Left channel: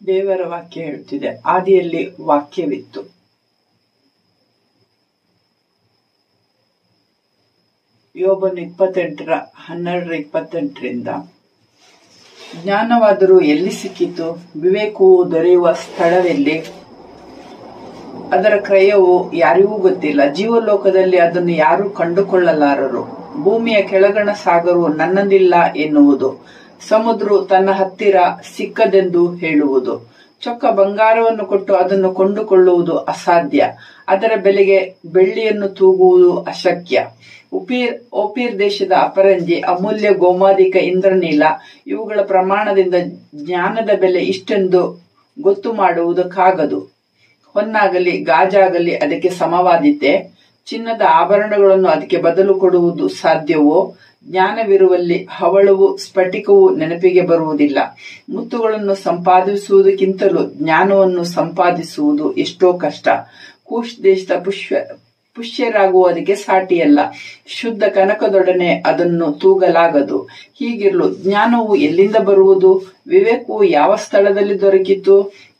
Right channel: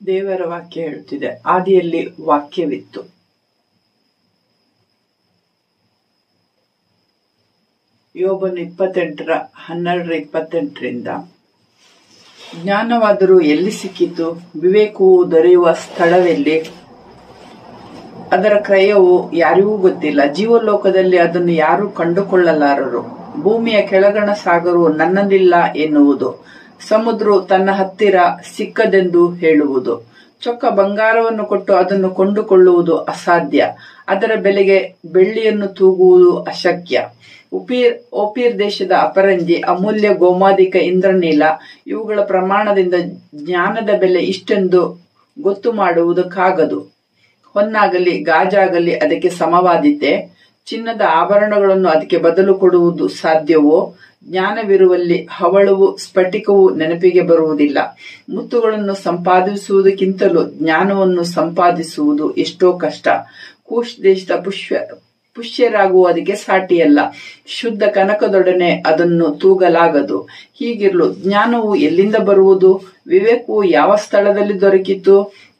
ದೇವರ ವಾಕ್ಯ ಹೇಳುತ್ತಿದೆ, ಆದಿಯಲ್ಲಿ ವಾಕ್ಯವಿತ್ತು. ಯೋಬನು 28:12-28 ಜ್ಞಾನವಾದರೂ ಎಲ್ಲಿ ಸಿಕ್ಕಿತು? ವಿವೇಕವು ದೊರೆಯುವ ಸ್ಥಳವೆಲ್ಲಿ? ಅದರ ಕ್ರಯವು ಯಾರಿಗೂ ಗೊತ್ತಿಲ್ಲ. ಜೀವಲೋಕದಲ್ಲಿ ಅದನ್ನು ಯಾರೂ ಕಂಡುಕೊಳ್ಳಲಾರರು. ಭೂಮಿಯ ಕೆಳಗಣ ಸಾಗರವು ನನ್ನದಿಲ್ಲ ಎನ್ನುವುದು. ಸಮುದ್ರವು ತನ್ನ ಹತ್ತಿರ ಸಿಕ್ಕದೆಂದು ಹೇಳುವುದು. ಚೊಕ್ಕ ಬಂಗಾರವನ್ನು ಕೊಟ್ಟು ಅದನ್ನು ಕೊಂಡುಕೊಳ್ಳುವುದು ಅಸಾಧ್ಯ. ಅದರ ಬೆಲೆಗೆ ಬೆಳ್ಳಿಯನ್ನು ತೂಗುವುದು ಅಶಕ್ಯ. ಓಪೀರ್ ದೇಶದ ಅಪರಂಜಿ, ಅಮೂಲ್ಯ ಗೋಮಾದಿಕ ಇಂದ್ರನೀಲ ಇವುಗಳ ಪ್ರಮಾಣದಿಂದ ಜ್ಞಾನದ ಬೆಲೆ ಇಷ್ಟೆಂದು ಗೊತ್ತು ಮಾಡುವುದಕ್ಕಾಗದು. ಹೊನ್ನಾಗಲಿ ಗಾಜಾಗಲಿ ಅದಕ್ಕೆ ಸಮವಾದೀತೆ? ಚಿನ್ನದ ಆಭರಣಗಳನ್ನು ಅದಕ್ಕೆ ಬದಲು ಕೊಡುವುದು ಸಾಧ್ಯವೋ? ಜ್ಞಾನವಿರುವಲ್ಲಿ ಹವಳವು ಸ್ಫಟಿಕವು ನೆನಪಿಗೆ ಬರುವುದಿಲ್ಲ. ಮುತ್ತುಗಳನ್ನು ಸಂಪಾದಿಸುವುದಕ್ಕಿಂತಲೂ ಜ್ಞಾನವನ್ನು ಸಂಪಾದಿಸುವುದು ಎಷ್ಟೋ ಕಷ್ಟ. ಕೂಶ್ ದೇಶದ ಪುಷ್ಯರಾಗುವುದಕ್ಕೆ ಸಾಟಿಯಲ್ಲ. ಶುದ್ಧ ಕನಕದೊಡನೆ ಅದನ್ನು ತೂಗಲಾಗದು. ಹೀಗಿರಲು ಜ್ಞಾನವು ಎಲ್ಲಿಂದ ಬರುವುದು? ವಿವೇಕವು ಯಾವ ಸ್ಥಳದಲ್ಲಿ ದೊರಕಿತು?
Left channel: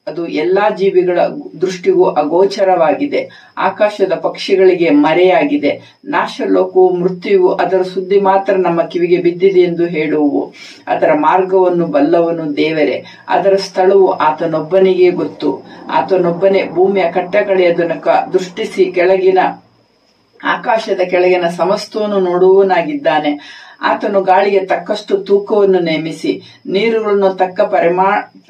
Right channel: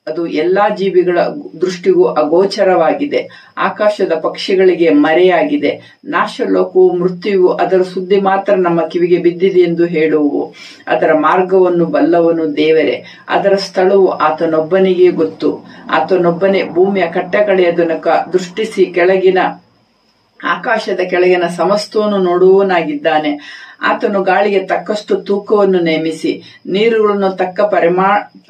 ಅದು ಎಲ್ಲಾ ಜೀವಿಗಳ ದೃಷ್ಟಿಗೂ ಅಗೋಚರವಾಗಿದೆ. ಆಕಾಶದ ಪಕ್ಷಿಗಳಿಗೆ ಮರೆಯಾಗಿದೆ. ನಾಶಲೋಕವು ಮೃತ್ಯುವು ಅದರ ಸುದ್ದಿ ಮಾತ್ರ ನಮ್ಮ ಕಿವಿಗೆ ಬಿದ್ದಿದೆ ಎಂದು ಹೇಳುವು. ಅದರ ಮಾರ್ಗವನ್ನು ಬಲ್ಲವನು ದೇವರೇ. ಅದರ ಸ್ಥಳವು ಆತನೊಬ್ಬನಿಗೆ ಗೊತ್ತು. ಆತನೊಬ್ಬನೇ ಭೂಮಿಯ ಕಟ್ಟಕಡೆಯದನ್ನು ದೃಷ್ಟಿಸಿ ಆಕಾಶದ ಕೆಳಗಿನ ಸಮಸ್ತವನ್ನು ನೋಡುವವನಾಗಿದ್ದಾನೆ. ಆತನು ಗಾಳಿಗೆ ತಕ್ಕಷ್ಟು ತೂಕವನ್ನು ನೇಮಿಸಿ ನೀರುಗಳನ್ನು ತಕ್ಕ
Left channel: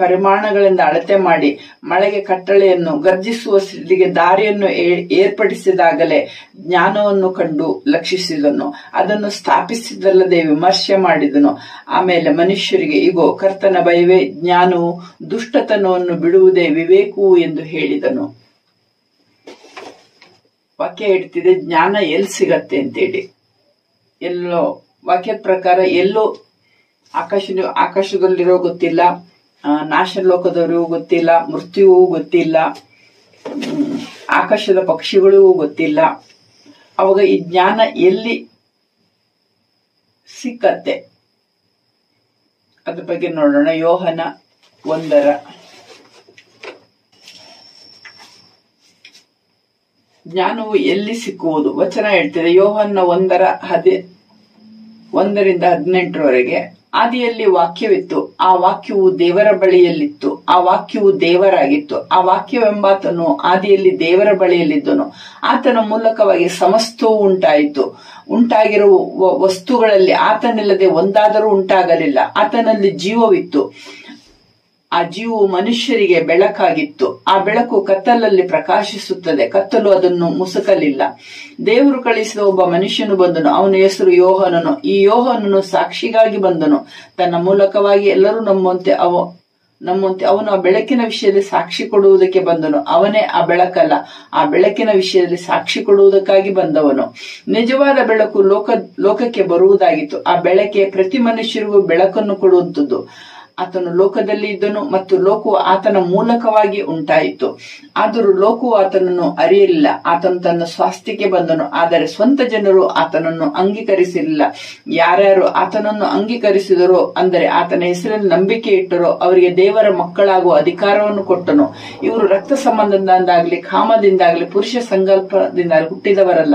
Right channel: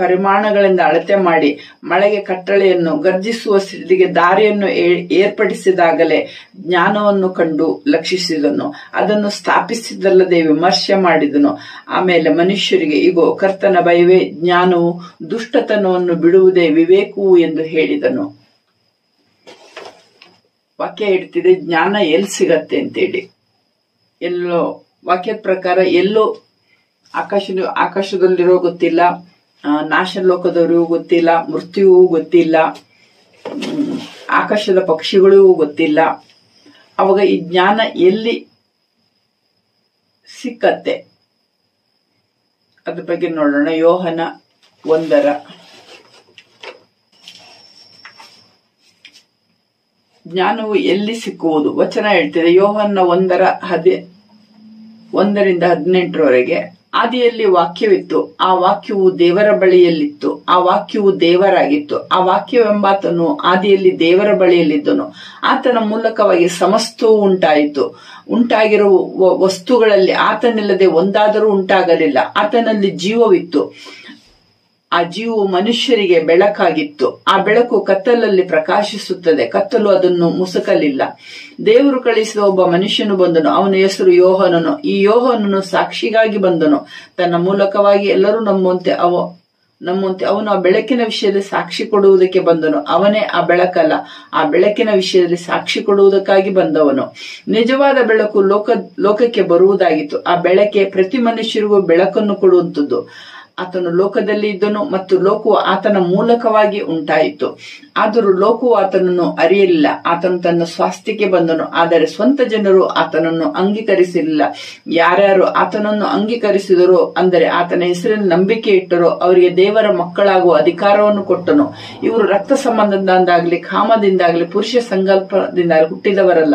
ಪರಿಮಾಣಗಳಿಂದ ಅಳತೆ ಮಾಡಿ ಮಳೆಗೆ ಕಟ್ಟಳೆಯನ್ನು ಗರ್ಜಿಸುವ ಸ್ಥಿತಿಗೆ ದಾರಿಯನ್ನು ಏರ್ಪಡಿಸಿದಾಗಲೇ ಜ್ಞಾನವನ್ನು ಕಂಡು ಲಕ್ಷಿಸಿದನು. ಅದನ್ನು ಸ್ಥಾಪಿಸಿದಲ್ಲದೆ ವಿಮರ್ಶೆ ಮಾಡಿದನು. ಆಮೇಲೆ ಮನುಷ್ಯರಿಗೆ, ಇಗೋ, ಕರ್ತನ ಭಯವೇ ಜ್ಞಾನವು, ದುಷ್ಟತನವನ್ನು ಬಿಡುವುದೇ ವಿವೇಕವು ಎಂದು ಹೇಳಿದನು. ವಾಕ್ಯ ಹೇಳ್ತಿದೆ, ಜ್ಞಾನ ಎಲ್ಲಿ ಸಿಗತ್ತೆ ಅಂತೇಳಿ. ಎಲ್ಲೋ ವಾಕ್ಯದ ಪ್ರಕಾರ ಎಲ್ಲೋ ಆಕಾಶದಲ್ಲಿರೋ ಗೊತ್ತಿಲ್ಲ, ನಾಶಲೋಕದವರಿಗೂ ಗೊತ್ತಿಲ್ಲ, ಮೃತ್ಯುವೂ ಗೊತ್ತಿಲ್ಲ, ಆಕಾಶದ ಪಕ್ಷಿಗಳಿಗೂ ಗೊತ್ತಿಲ್ಲ. ಅವಾಗ ಈ ಜ್ಞಾನ ಎಲ್ಲಿ ಸಿಕ್ಕತ್ತೆ? ಅದ್ರ ಬಗ್ಗೆ ನೋಡೋಣ. ಯೋಹನ 1 ಜ್ಞಾನವು ಎಲ್ಲಿ ಸಿಕ್ಕುವುದು? ವಚನ ಹೇಳ್ತಿದೆ, ಯೋಹನ 1:1-18 ಆದಿಯಲ್ಲಿ ವಾಕ್ಯವಿತ್ತು, ಆ ವಾಕ್ಯವು ದೇವರ ಬಳಿಯಲ್ಲಿತ್ತು, ಆ ವಾಕ್ಯವು ದೇವರಾಗಿತ್ತು. ಆ ವಾಕ್ಯವೆಂಬಾತನು ಆದಿಯಲ್ಲಿ ದೇವರ ಬಳಿಯಲ್ಲಿದ್ದನು. ಆತನ ಮೂಲಕವಾಗಿ ಸಮಸ್ತವೂ ಉಂಟಾಯಿತು. ಉಂಟಾಗಿರುವ ವಸ್ತುಗಳಲ್ಲಿ ಆತನಿಲ್ಲದೆ ಒಂದಾದರೂ ಉಂಟಾಗಲಿಲ್ಲ. ಆತನಲ್ಲಿ ಜೀವವಿತ್ತು, ಆ ಜೀವವು ಮನುಷ್ಯರಿಗೆ ಬೆಳಕಾಗಿತ್ತು. ಆ ಬೆಳಕು ಕತ್ತಲಲ್ಲಿ ಪ್ರಕಾಶಿಸುತ್ತದೆ, ಕತ್ತಲು ಅದನ್ನು ಮುಸುಕಲಿಲ್ಲ. ದೇವರು ಕಳಿಸಿದ ಒಬ್ಬ ಮನುಷ್ಯನು ಬಂದನು, ಅವನ ಹೆಸರು ಯೋಹಾನನು. ಈ ಯೋಹಾನನು ಸಾಕ್ಷಿಗಾಗಿ ಬಂದನು. ತನ್ನ ಮೂಲಕವಾಗಿ ಎಲ್ಲರೂ ನಮ್ಮಂತೆ ಅವನು ಆ ಬೆಳಕಿನ ವಿಷಯದಲ್ಲಿ ಸಾಕ್ಷಿ ಕೊಡುವುದಕ್ಕೆ ಬಂದನು. ಅವನೇ ಆ ಬೆಳಕಲ್ಲ, ಆ ಬೆಳಕಿನ ವಿಷಯದಲ್ಲಿ ಸಾಕ್ಷಿ ಕೊಡುವುದಕ್ಕಾಗಿ ಬಂದವನು. ನಿಜವಾದ ಬೆಳಕು ಲೋಕಕ್ಕೆ ಬರುವುದಾಗಿತ್ತು. ಆ ಬೆಳಕೆ ಪ್ರತಿ ಮನುಷ್ಯರಿಗೂ ಬೆಳಕನ್ನು ಕೊಡುವಂಥದ್ದು. ಆತನು ಲೋಕದಲ್ಲಿ ಇದ್ದನು ಮತ್ತು ಲೋಕವು ಆತನ ಮೂಲಕವಾಗಿ ಉಂಟಾಯಿತು. ಆದರೂ ಲೋಕವು ಆತನನ್ನು ಅರಿಯಲಿಲ್ಲ. ಆತನು ತನ್ನ ಸ್ವಾಸ್ಥ್ಯಕ್ಕೆ ಬಂದನು, ಆದರೆ ಸ್ವಂತ ಜನರು ಆತನನ್ನು ಅಂಗೀಕರಿಸಲಿಲ್ಲ. ಯಾರ್ಯಾರು ಆತನನ್ನು ಅಂಗೀಕರಿಸಿದರೋ, ಅಂದರೆ ಆತನ ಹೆಸರಲ್ಲಿ ನಂಬಿಕೆ ಇಟ್ಟರೋ, ಅವರಿಗೆ ದೇವರ ಮಕ್ಕಳಾಗುವ ಅಧಿಕಾರವನ್ನು ಕೊಟ್ಟನು. ಇವರು ರಕ್ತ ಸಂಬಂಧದಿಂದಾಗಲಿ, ಕಾಮದಿಂದಾಗಲಿ, ಪುರುಷ ಸಂಕಲ್ಪದಿಂದಾಗಲಿ ಹುಟ್ಟಿದವರಲ್ಲ,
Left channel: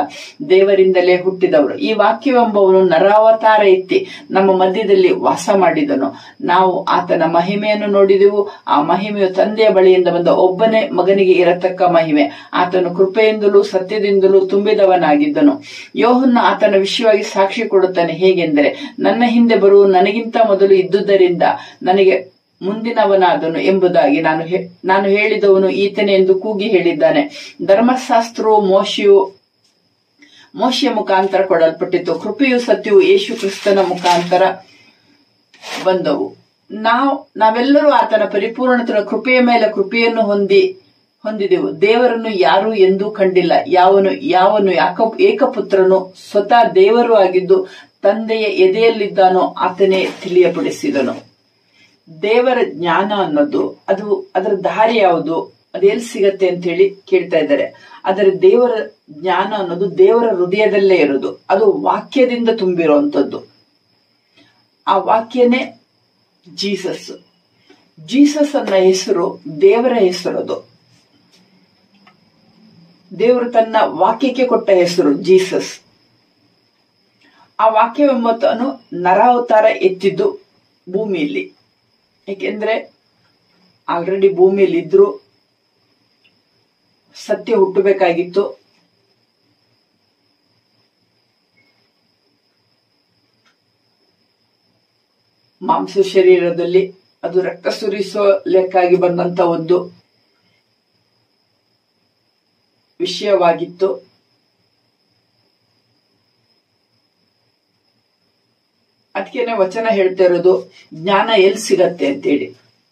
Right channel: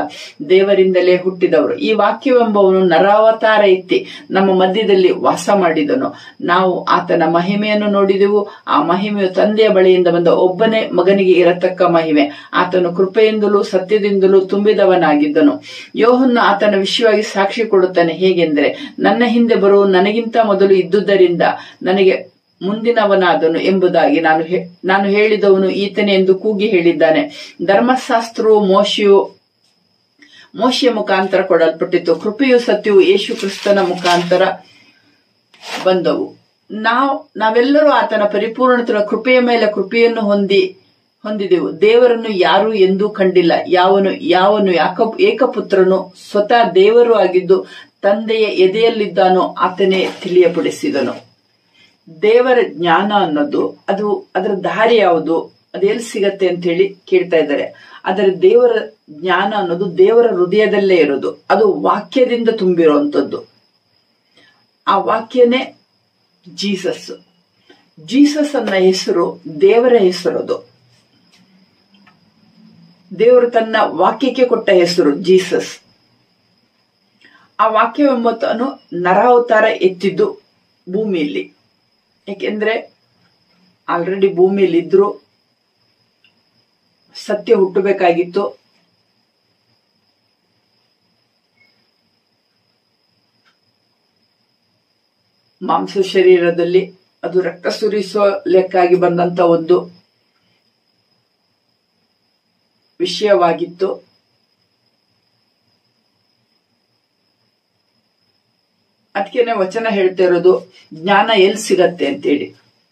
ದೇವರಿಂದಲೇ ಹುಟ್ಟಿದವರು. ಈ ವಾಕ್ಯವೆಂಬವನು ನರಾವತಾರ ಎತ್ತಿ ನಮ್ಮ ಮಧ್ಯದಲ್ಲಿ ವಾಸ ಮಾಡಿದನು. ನಾವು ಆತನ ಮಹಿಮೆಯನ್ನು ನೋಡಿದೆವು. ಆ ಮಹಿಮೆಯು ತಂದೆಯ ಬಳಿಯಿಂದ ಬಂದ ಒಬ್ಬನೇ ಮಗನಿಗೆ ಇರತಕ್ಕ ಮಹಿಮೆ. ಆತನು ಕೃಪೆಯಿಂದಲೂ ಸತ್ಯದಿಂದಲೂ ತುಂಬಿದವನಾಗಿದ್ದನು. ಯೋಹನ್ನ ಆತನ ವಿಷಯವಾಗಿ ಸಾಕ್ಷಿ ಕೊಡುತ್ತಾನೆ. ಹೇಗೆಂದರೆ, ನನ್ನ ಹಿಂದೆ ಬರುವ ನನಗಿಂತ ಮೊದಲು ಇದ್ದುದರಿಂದ ನನಗೆ ಮುಂದಿನವನಾದನು ಎಂಬುದಾಗಿ ನಾನು ಹೇಳಿದವನು ಈತನೇ ಎಂದು ಕೂಗಿ ಹೇಳಿದ್ದಾನೆ. ಧರ್ಮಶಾಸ್ತ್ರವು ಮೋಶೆಯ ಮುಖಾಂತರ ಕೊಡಲ್ಪಟ್ಟಿತು. ಕೃಪೆಯು ಸತ್ಯವು ಯೇಸು ಕ್ರಿಸ್ತನ ಮುಖಾಂತರ ಬಂದವು. ನಾವೆಲ್ಲರೂ ಆತನ ಪರಿಪೂರ್ಣತೆಯ ಕೃಪೆಯ ಮೇಲೆ ಕೃಪೆಯನ್ನು ಹೊಂದಿದೆವು. ದೇವರನ್ನು ಯಾರೂ ಎಂದೂ ಕಂಡಿಲ್ಲ. ಯಾವನು ಏಕಪುತ್ರನು ಸ್ವತಃ ದೇವರು ಆಗಿದ್ದು ತಂದೆಯ ಎದೆಯಲ್ಲಿದ್ದಾನೋ ಆತನೇ ತಿಳಿಯಪಡಿಸಿದನು. ದೇವರ ಜ್ಞಾನ ಅನ್ನೋದು ಅದರ ದಾರಿ ಯಾವುದು, ಅದು ಎಲ್ಲಿ ಸಿಗತ್ತೆ ಅಂತ ಹೇಳಿ ಕೇಳ್ತಾ ಇದ್ದಾರೆ. ಆದರೆ ದೇವರ ಜ್ಞಾನ ಅನ್ನೋದು ದೇವರ ಹೃದಯದಲ್ಲೇ ಇರೋದು. ಅದು ವಾಕ್ಯದಿಂದ ತುಂಬಿರುವಂತದ್ದು. ಆ ವಾಕ್ಯನೇ ಜೀಸಸ್. ಜೀಸಸ್ ಅನ್ನ ಹೆಸರು ದೇವರ ಹೆಸರದು. ದೇವರು ತನ್ನ ವಾಕ್ಯಕ್ಕೆ ಕೊಟ್ಟ ಹೆಸರು ಜೀಸಸ್. ಆ ವಾಕ್ಯವೆಂಬುದನ್ನು ನರಾವತಾರ ಎತ್ತಿದ್ದು ಭೂಮಿಯಲ್ಲಿ. ಏಕೆಂದ್ರೆ ಆಲ್ರೆಡಿ ಭೂಮಿಯಲ್ಲಿ ಇದ್ರು, ಸತ್ಯ ಹುಟ್ಟಬೇಕಾಗಿತ್ತು. ಮಾಂಸ ಶರೀರದಲ್ಲಿ ಅದು ರಕ್ತ ಸುರಿಸಲಿಕ್ಕಾಗಿ ಬಂದಂತ ಒಂದು ವಿಷಯವಾಗಿತ್ತು. ಅದಕ್ಕೇನೆ ವಚನ ಹೇಳ್ತಾ ಇರೋದು, ಜ್ಞಾನ ಎಲ್ಲಿ ಸಿಗತ್ತೆ ಅಂತೇಳಿ,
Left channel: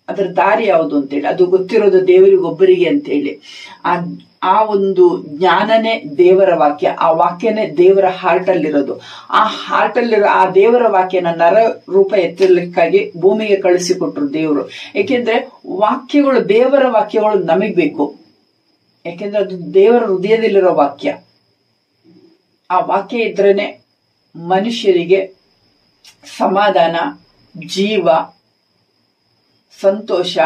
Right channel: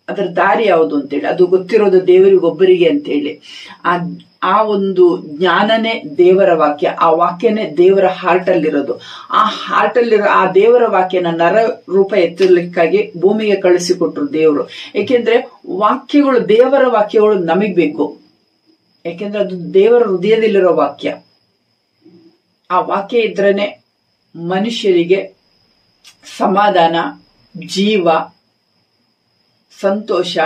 ಅದರ ದಾರಿ ಯಾವುದು ಅಂತೇಳಿ, ಅದು ಗೊತ್ತಿರೋದು ದೇವರಿಗೊಬ್ಬರಿಗೆ ಅಂತೇಳಿ. ಆ ಒಂದು ಜ್ಞಾನನೇ ದೇವರ ವಾಕ್ಯ. ಆ ವಾಕ್ಯನೇ ದೇವರ ಹಾರ್ಟ್ ಅಲ್ಲಿರೋದು. ಆ ಹಾರ್ಟ್ ಅಲ್ಲಿರೋ ಆ ದೇವರ ವಾಕ್ಯನ ನರ ರೂಪ ಎತ್ತಲಿಕ್ಕಾಗಿ ಭೂಮಿಗೆ ಕಳಿಸಿಕೊಟ್ರು ದೇವರು. ಏಕೆಂದ್ರೆ ವಾಕ್ಯಗಳು, ದೇವರ ವಾಕ್ಯಗಳು ನಮಗ್ ಬೇಕು. ಯಾಕೆಂದ್ರೆ ಅದು ದೇವರ ಹೃದಯದಲ್ಲಿರೋ ವಾಕ್ಯ. ಆ ವಾಕ್ಯ ಇದ್ರೇನೆ ಮನುಷ್ಯರಿಗೆ ಸಮಾಧಾನ, ಜೀವ, ಸಂತೋಷ,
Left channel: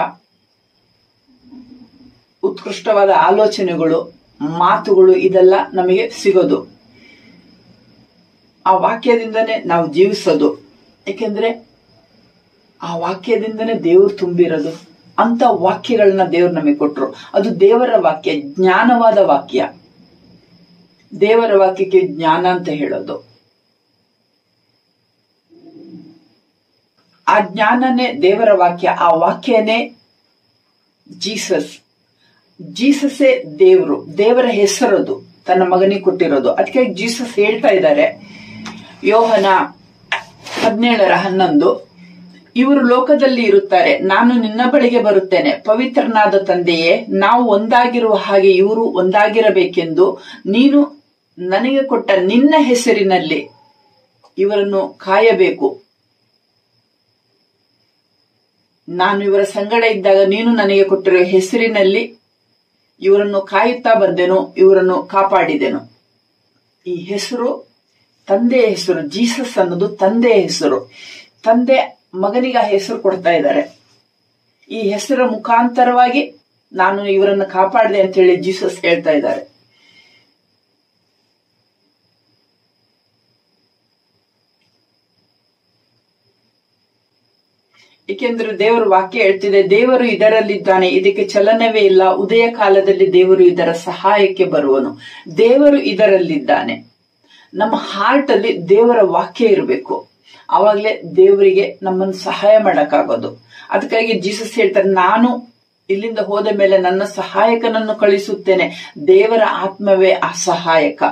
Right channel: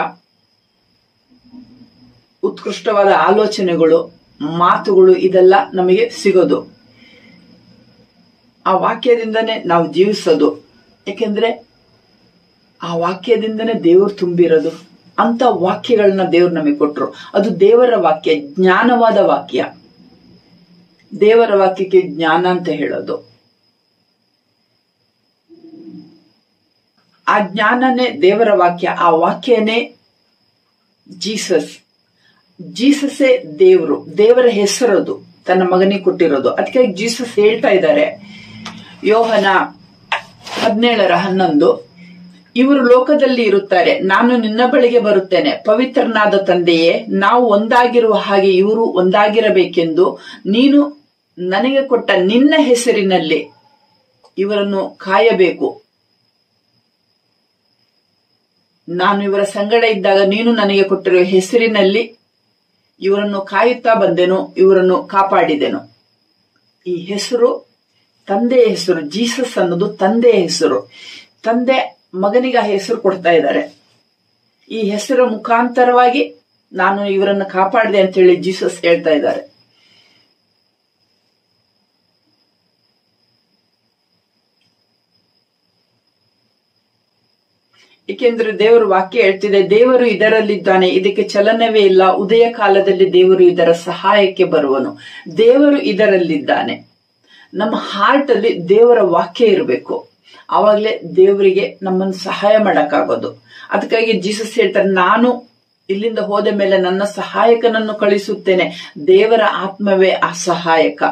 ಉತ್ಕೃಷ್ಟವಾದ ಆಲೋಚನೆಗಳು, ಮಾತುಗಳು ಇದೆಲ್ಲ ನಮಗೆ ಸಿಗೋದು. ಆ ವಾಕ್ಯದಿಂದನೇ ನಾವು ಜೀವಿಸೋದು. ಯಾಕೆಂದ್ರೆ ಆ ವಾಕ್ಯದಿಂದನೇ ದೇವರು ತುಂಬಿರೋದು. ಅಂತ ವಾಕ್ಯಗಳನ್ನ ದೇವರು ನಮಗೆ ಕೊಟ್ರು. ಅದು ದೇವರ ವಾಕ್ಯ, ಜ್ಞಾನವಾದ ವಾಕ್ಯ. ದೇವರ ವಾಕ್ಯಕ್ಕೆ ಜ್ಞಾನ ಅಂತ ಹೇಳೋದು. ಆ ಜ್ಞಾನನೇ ದೇವರ ವಾಕ್ಯ. ಆ ವಾಕ್ಯನೇ ಜೀಸಸ್. ಜೀಸಸ್ಸೇ ದೇವರು, ದೇವರ ಹೆಸರದು, ತನ್ನ ಮಗನಿಗೆ ಕೊಟ್ಟಿರೋದು. ಅದಕ್ಕೆ ಜೀಸಸ್ ಹೇಳ್ತಾ ಇದ್ದಾರೆ, ಯೋಹನ 17:11, ಇವರು ಲೋಕದಲ್ಲಿ ಇರುತ್ತಾರೆ, ನಾನು ನಿನ್ನ ಬಳಿಗೆ ಬರುತ್ತೇನೆ. ಪವಿತ್ರನಾದ ತಂದೆಯೇ, ನಾವು ಒಂದಾಗಿರುವ ಹಾಗೆ ಇವರು ಒಂದಾಗಿರಬೇಕೆಂದು ನೀನು ನನಗೆ ಕೊಟ್ಟ ನಿನ್ನ ಹೆಸರಿನಲ್ಲಿ ಇವರನ್ನು ಕಾಯಬೇಕು. ನಾನು ಇವರ ಸಂಗಡ ಇದ್ದಾಗ ನೀನು ನನಗೆ ಕೊಟ್ಟಿರುವ ಹೆಸರಿನಲ್ಲಿ ಇವರನ್ನು ಕಾಯುತ್ತಾ ಬಂದೆನು, ಇವರನ್ನು ಕಾಪಾಡಿದೆನು. ಈ ಹೆಸರು ತಂದೆಯ ಹೆಸರು. ಜೀಸಸ್ ಅನ್ನೋದು ತಂದೆಯ ಹೆಸರು. ತಂದೆ ಮಗನಿಗೆ ಆ ಹೆಸರು ಕೊಡ್ತಾ ಇದ್ದಾರೆ. ಈ ಹೆಸರ ಮುಖಾಂತರವಾಗಿ ನಾನು ಇವರನ್ನು ಕಾಪಾಡಿದೆ ಅಂತ ಹೇಳಿ ಜೀಸಸ್ ಹೇಳ್ತಾ ಇದ್ದಾರೆ. ಏಕೆಂದ್ರೆ ದೇವರು ವಾಕ್ಯ ಹೇಳ್ತಿದೆ, ದೇವರು ಇದರಲ್ಲಿದ್ದಾನೆ, ಇದಕ್ಕೆ ಚಲನವೇ ಇಲ್ಲ. ಉದಯ ಕಾಲದಲ್ಲಿ ದೇವರು ಇದರ ಸಹಾಯಕ್ಕೆ ಬರುವನು. ದೇವರು ಇದರಲ್ಲಿದ್ದಾನೆ. ನಮ್ಮ ಹಾರ್ಟ್ ಅಲ್ಲಿ ದೇವರ ವಾಕ್ಯ ಇರಬೇಕು. ಆವಾಗಲೇ ದೇವರಿಗೆ ನಮ್ಮನ್ನು ಸಹಾಯ ಮಾಡಕ್ಕಾಗೋದು. ಅದಕ್ಕಾಗಿ ಜೀಸಸ್ ಹೇಳ್ತಾರೆ, ನಾನು ಇಲ್ಲಿಂದ ಹೋದ ಮೇಲೆ ನನ್ನ ಸಹಾಯಕನನ್ನು ಕಳಿಸುತ್ತೇನೆ. ದೇವರ ಆತ್ಮವೇ ಆ ಸಹಾಯಕ.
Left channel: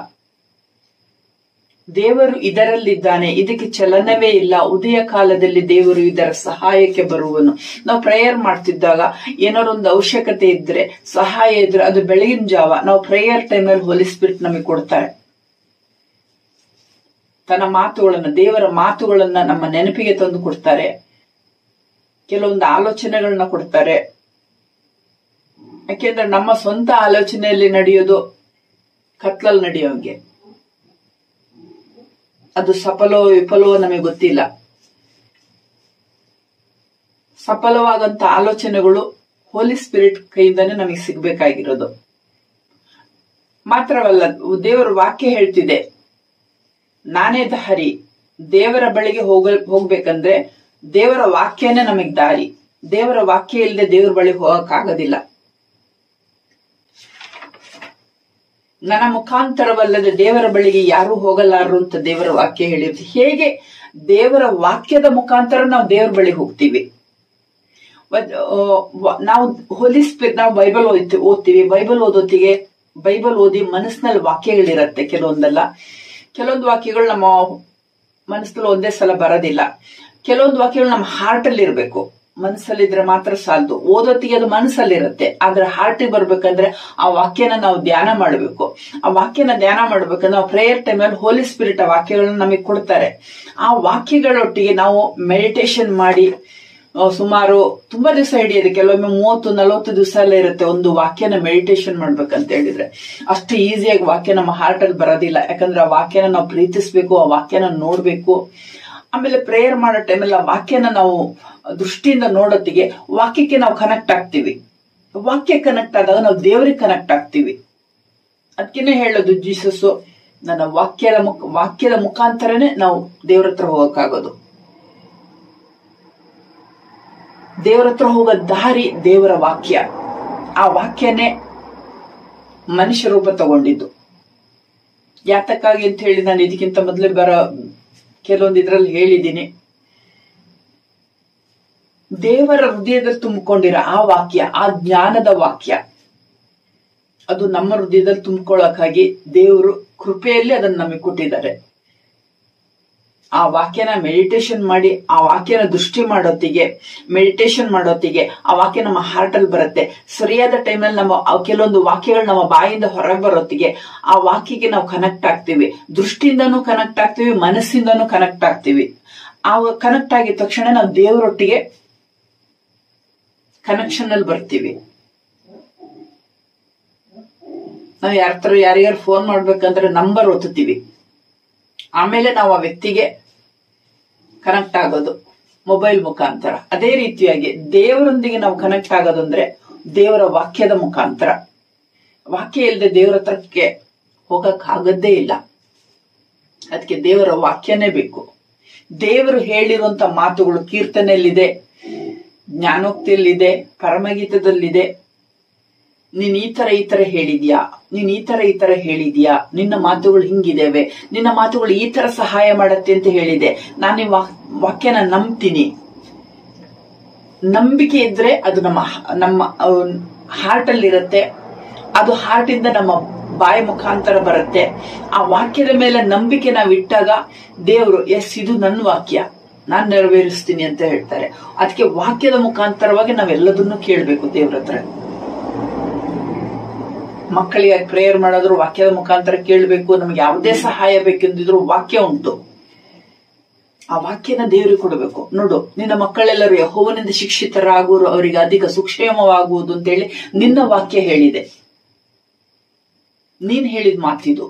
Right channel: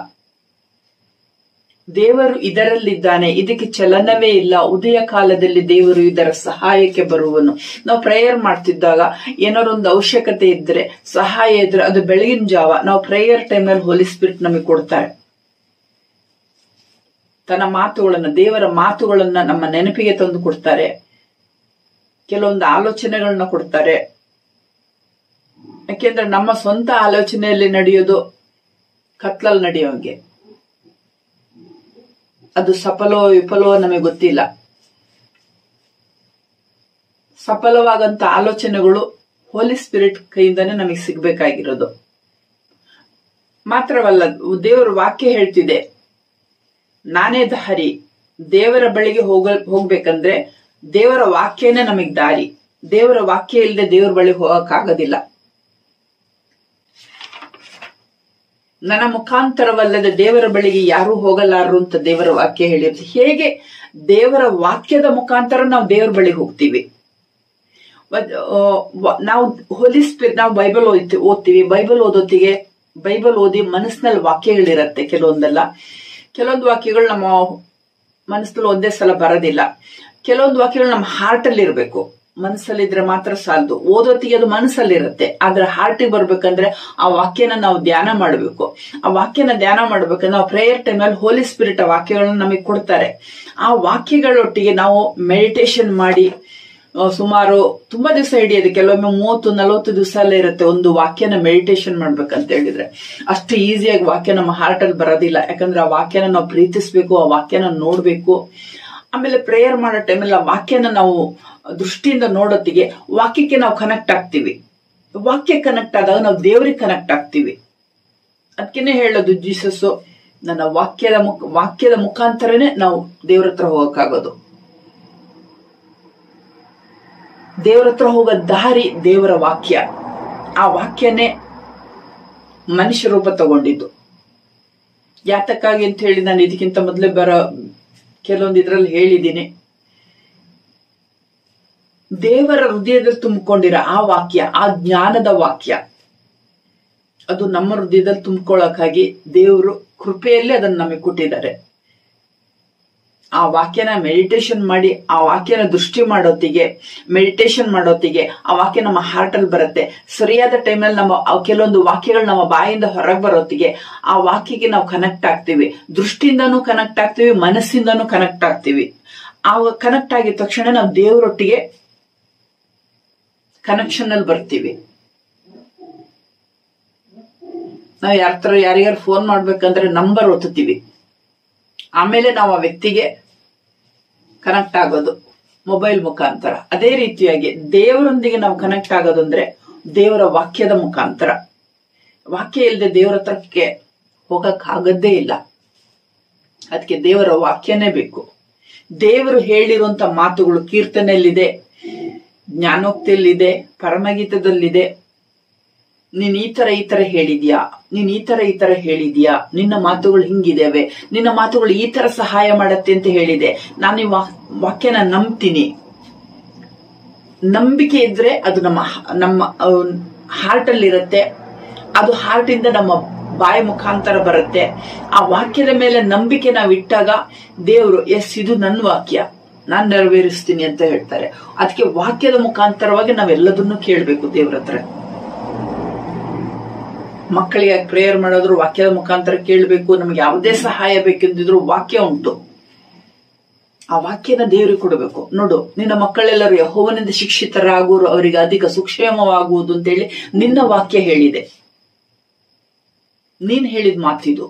ದೇವರು ಇದರಲ್ಲಿದ್ದಾನೆ, ಇದಕ್ಕೆ ಚಲನವೇ ಇಲ್ಲ. ಉದಯ ಕಾಲದಲ್ಲಿ ದೇವರು ಇದರ ಸಹಾಯಕ್ಕೆ ಬರುವನು. ನಾವು ಪ್ರೇಯರ್ ಮಾಡ್ತಿದ್ದಾಗ ಏನಾದ್ರು ಒಂದು ಅವಶ್ಯಕತೆ ಇದ್ರೆ, ಸಹಾಯ ಇದ್ರೆ, ಅದು ಬೆಳಗಿನ ಜಾವ ನಾವು ಪ್ರೇಯರ್ ಟೈಮ್ನಲ್ಲಿ ಹೋಲಿ ಸ್ಪಿರಿಟ್ ನಮಗೆ ಕೊಡ್ತಾರೆ. ತನ್ನ ಮಾತುಗಳನ್ನ, ದೇವರ ಮಾತುಗಳನ್ನ ನಮ್ಮ ನೆನಪಿಗೆ ತಂದು ಕೊಡ್ತಾರೆ. ಕೆಲವೊಂದು ಆಲೋಚನೆಗಳನ್ನ ಕೊಡ್ತಾರೆ. ಯಾಕೆಂದ್ರೆ ನಮ್ಮ ಸ್ವಂತ ಆಲೋಚನೆಯಲ್ಲಿ ನಡೆಯೋದು ಕತ್ಲಲ್ಲಿ ನಡೆಯೋಂಗೆ. ಅದು ಸಫಲವೋ ವಿಫಲವೋ ನಮಗೆ ಗೊತ್ತಿಲ್ಲ. ಸಫಲವಾಗಂತ ಆಲೋಚನೆಗಳು ಹೋಲಿ ಸ್ಪಿರಿಟ್ ಕೈಯಿಂದಾನೇ ನಮಗೆ ಸಿಗ್ಬೇಕಾಗಿರೋದು. ಮಾತ್ರವಲ್ಲ, ದೇವರ ವಾಕ್ಯ ಹೇಳ್ತಿದೆ, ನಾನೇ ದಾರಿ. ದೇವರ ಬಳಿಗೆ ಹೋಗ್ಬೇಕಂದ್ರೆ ದೇವರ ವಾಕ್ಯನೇ ನಮಗ್ ದಾರಿ. ದೇವರ ವಾಕ್ಯ ಇಲ್ಲದೆ ದೇವರ ಬಳಿಗೆ ಹೋಗಕ್ಕಾಗೋದಿಲ್ಲ. ನನ್ನ ಮುಖಾಂತರವಲ್ಲದೆ ದೇವರ ಬಳಿಗೆ ಯಾರೂ ಹೋಗಲಾರರು ಅಂತ ದೇವರ ವಾಕ್ಯ ಹೇಳಿರುತ್ತೆ. ಹೇಗೆ ದೇವರ ವಾಕ್ಯದ ಮುಖಾಂತರ ನಾವು ದೇವರ ಬಳಿಗೆ ಹೋಗ್ತೀವಿ. ನಾವು ಹೋಲಿ ಸ್ಪಿರಿಟ್, ನಾವು ಬೈಬಲ್ ಓದ್ತೀವಿ. ಬೈಬಲ್ ಓದೋತ್ತಿಗೆ ಬೈಬಲ್ ಓದಿ ಮನಸ್ಸಿನಲ್ಲಿ ವಾಕ್ಯಗಳಿರತ್ತೆ. ಕೆಲವೊಂದು ವಾಕ್ಯಗಳು ನಮ್ಮ ಮನಸ್ಸಲ್ಲಿ ಒಂದೇ ಸಲ ಬರೋದಿಲ್ಲ. ಕೆಲವೊಂದು ವಾಕ್ಯಗಳು ನಮ್ಮ ಹಾರ್ಟ್ ಅಲ್ಲಿ ಇರಬೇಕು. ಮನಸ್ಸಲ್ಲಿದ್ರೆ ಮಾತ್ರ ಸಾಲದು. ಓದೋತ್ತಿಗೆ ಅದು ಮನಸ್ಸಲ್ಲಿರುತ್ತೆ, ಆದ್ರೆ ಹಾರ್ಟಿಗೆ ಬರ್ಬೇಕಂದ್ರೆ ಆ ವಾಕ್ಯನ ನಾವು ಧ್ಯಾನ ಮಾಡಬೇಕು. ಆ ವಾಕ್ಯನ ಧ್ಯಾನ ಮಾಡ್ಬೇಕಂದ್ರೆ ನಾವು ಪ್ರೇಯರ್ ಟೈಮ್ನಲ್ಲಿ ಹೋಲಿ ಸ್ಪಿರಿಟ್ ಆ ವಾಕ್ಯಗಳನ್ನ ನಮಗೆ ಕೊಡ್ತಾರೆ. ಆ ವಾಕ್ಯಗಳೊಟ್ಟಿಗೆ ನಾವು ಮೆಡಿಟೇಷನ್ ಮಾಡಿ ಸುಮಾರು ತುಂಬಾ ದಿವಸ ಹಿಡಿಯೋದು. ಕೆಲವೊಮ್ಮೆ 30-40 ದಿವಸ ಎಲ್ಲ ಇರುತ್ತೆ ಒಂದು ವಾಕ್ಯನ ಮೆಡಿಟೇಷನ್ ಮಾಡ್ಬೇಕಂತ ಹೇಳಿದ್ರೆ. ಅಷ್ಟು ಈಸಿಯಾಗಿ ವಾಕ್ಯ ನಮ್ಮ ಹಾರ್ಟ್ ಅಲ್ಲಿ ಬರೋದಿಲ್ಲ. ಯಾಕಂದ್ರೆ ಆ ವಾಕ್ಯನ ನಾವು ಪ್ರೀತಿಸ್ಬೇಕು, ಆ ವಾಕ್ಯನ ನೋಡ್ಬೇಕು, ಆಮೇಲೆ ಪ್ರೇಯರ್ ಮಾಡೋ ಟೈಮಲ್ಲಿ ಆ ವಾಕ್ಯನ ನಾವು ದೃಷ್ಟಿಯಿಂದ ನೋಡೋತ್ತಿಗೆ ವಾಕ್ಯಕ್ಕೆ ನಾವು ಕನೆಕ್ಟ್ ಆಗ್ತೀವಿ. ವಾಕ್ಯ ಕನೆಕ್ಟ್ ಆದಾಗ ನಾವು ದೇವರಿಗೆ ಕನೆಕ್ಟ್ ಆಗ್ತೀವಿ. ಅದಕ್ಕೇನೆ ಹೇಳೋದು ಜೀಸಸ್, ನನ್ನ ವಾಕ್ಯದ ಮುಖಾಂತರನೇ ನಾವು ದೇವ್ರ ಹತ್ರ ಹೋಗಕ್ಕಾಗೋದು. ದೇವರ ಹತ್ರ ಹೋಗೋ ದಾರಿ ದೇವರ ವಾಕ್ಯ. ಆ ವಾಕ್ಯನೇ ಮನುಷ್ಯ ರೂಪ ತಗೊಂಡಿದ್ದು. ಯಾತಕ್ಕಾಗಿ ಅಂತ ಹೇಳಿ ನಾನು ಇದಕ್ಕಿಂತ ಮೊದಲೇ ಕೆಲವೊಂದು ಇದ್ರಲ್ಲಿ ಹೇಳಿದ್ದೀನಿ. ದೇವರ ಹೃದಯದಲ್ಲಿ ತುಂಬಿಕೊಂಡಿರೋ ಆ ವಾಕ್ಯ, ಆ ಜ್ಞಾನದ ವಾಕ್ಯ, ಅದು ನಮ್ಮ ಹೃದಯದಲ್ಲಿ ತುಂಬಿಕೊಳ್ಳೋಕ್ಕಾಗಿ ದೇವರು ಕೃಪೆಯಲ್ಲಿ ಅದನ್ನ ನಮಗೆ ಕೊಟ್ಟಿದ್ದಾರೆ. ಆ ವಾಕ್ಯನ ಮೆಡಿಟೇಷನ್ ಮಾಡಿ, ಆ ವಾಕ್ಯನ ದೃಷ್ಟಿ ಮೆಡಿಟೇಷನ್ ಮಾಡೋತ್ತಿಗೆ ಆ ವಾಕ್ಯ ನಮ್ಮ ಹಾರ್ಟ್ ಅಲ್ಲಿ ಬರುತ್ತೆ. ಸರಿಯಾದ ಟೈಮಲ್ಲಿ ನಮ್ಮ ಕೆಲವೊಂದು ವಾಕ್ಯಗಳು ನಮ್ಮ ಬಾಯಿಂದ ಹೊರಗೆ ಬರೋತ್ತಿಗೆ ಆ ವಾಕ್ಯಕ್ಕೆ ನಾವು ಕನೆಕ್ಟ್ ಆಗ್ತೀವಿ. ದೃಷ್ಟಿಯಿಂದನೂ ಕನೆಕ್ಟ್ ಆಗ್ತೀವಿ, ಮನಸ್ಸಿಂದನೂ ಕನೆಕ್ಟ್ ಆಗ್ತೀವಿ. ಆ ಕನೆಕ್ಟ್ ಆಗಿದ ತಕ್ಷಣ ನಾವು ದೇವರೊಟ್ಟಿಗೆ ಕನೆಕ್ಷನ್ ಅಲ್ಲಿ ಬರ್ತೀವಿ. ನಾವು ಯಾರ್ಯಾರು ಫೋನ್ ಮಾಡ್ಬೇಕಂದ್ರೆ ನಂಬರ್ ಒತ್ತುತ್ತೀವಿ, ಆಮೇಲೆ ನಾವು ಆ ವ್ಯಕ್ತಿಗೆ ಕನೆಕ್ಟ್ ಆಗೋದು ಮೊಬೈಲ್ ಮುಖಾಂತರ. ಅದೇ ರೀತಿಯಾಗಿ ದೇವರೊಂದಿಗೆ ನಾವು ಕನೆಕ್ಟ್ ಆಗೋದಂದ್ರೆ ದೇವರ ವಾಕ್ಯದ ಮುಖಾಂತರ. ವಾಕ್ಯ ಇಲ್ಲದೆ ದೇವರ ಹತ್ರಕ್ಕೆ ಹೋಗಕ್ ಆಗದ್ದೇ ಇಲ್ಲ. ಅದಕ್ಕೆ ದೇವರ ವಾಕ್ಯನೇ ಬೇಕು. ದೇವರು ಹೇಳಿರುವಂತ ಮಾತುಗಳು ಕೀರ್ತನೆಯಲ್ಲಿದೆ, ಜ್ಞಾನೋಕ್ತಿಯಲ್ಲಿದೆ, ಪರಮಗೀತದಲ್ಲಿದೆ. ನೀನ್ ಈ ತರ ಹೇಳಿದ್ಯಾ, ನೀನ್ ಈ ತರ ಹೇಳಿದ್ಯಾ, ನಿನ್ನ ಮಾತುಗಳು ಹಿಂಗಿದ್ದೇವೆ, ನಿನ್ನ ಮಾತುಗಳು ಈ ತರ ಸಹಾಯ ಮಾಡತ್ತೆ ಅಂತ ಹೇಳಿದೆ. ನಾನು ಈ ವಾಕ್ಯನ ನಂಬ್ತೀನಿ. ನಂಬಿಕೆ ಇದ್ರೆ ಅದು ನಮ್ಮ ಹಾರ್ಟ್ ಅಲ್ಲಿ ಇರುತ್ತೆ. ಅದು ಹಾರ್ಟ್ ಇಂದ ನಮ್ಮ ಬಾಯಿ ಮುಖಾಂತರ ಬರುತ್ತೆ. ಆ ವಾಕ್ಯದ ಮೇಲೆ ನಂಬಿಕೆ ನಾವು ಇಟ್ಟಾಗ ದೇವರು ಇದು ನನ್ನ ವಾಕ್ಯ, ನಾನ್ ನೆರವೇರಿಸ್ತೀನಿ ಅಂತ ಹೇಳ್ತಾರೆ. ಅದಕ್ಕೆ ವಾಕ್ಯದ ಮುಖಾಂತರವಾಗಿ ನಾವೆಲ್ಲದನ್ನು ಕೇಳಬೇಕು ದೇವ್ರ ಹತ್ರ. ಮಕ್ಕಳಿಗೆ ಪ್ರೇಯರ್ ಮಾಡೋದ್ರು ವಾಕ್ಯದ ಮುಖಾಂತರ ಕೇಳಬೇಕು. ನಮ್ಗೆ ಯಾವುದೇ ಸಹಾಯ ಬೇಕೆಂದಿದ್ರು ವಾಕ್ಯ ಉಂಟು. ಆ ವಾಕ್ಯನ ದೇವರಿಗೆ ಕೊಡಬೇಕು. ನೋಡು, ನಿನ್ನ ಮಕ್ಕಳೆಲ್ಲರೂ ಯೆಹೋವನಿಂದ ಶಿಕ್ಷಿತರಾಗುವರು, ಅವರಿಗೆ ಅಧಿಕ ಸುಕ್ಷೇಮವಾಗುವುದು ಅಂತೇಳಿ ನಿನ್ನ ವಾಕ್ಯ ಹೇಳಿದೆ. ನೀನ್ ಹೇಳಿದ ಮಾತಿದು.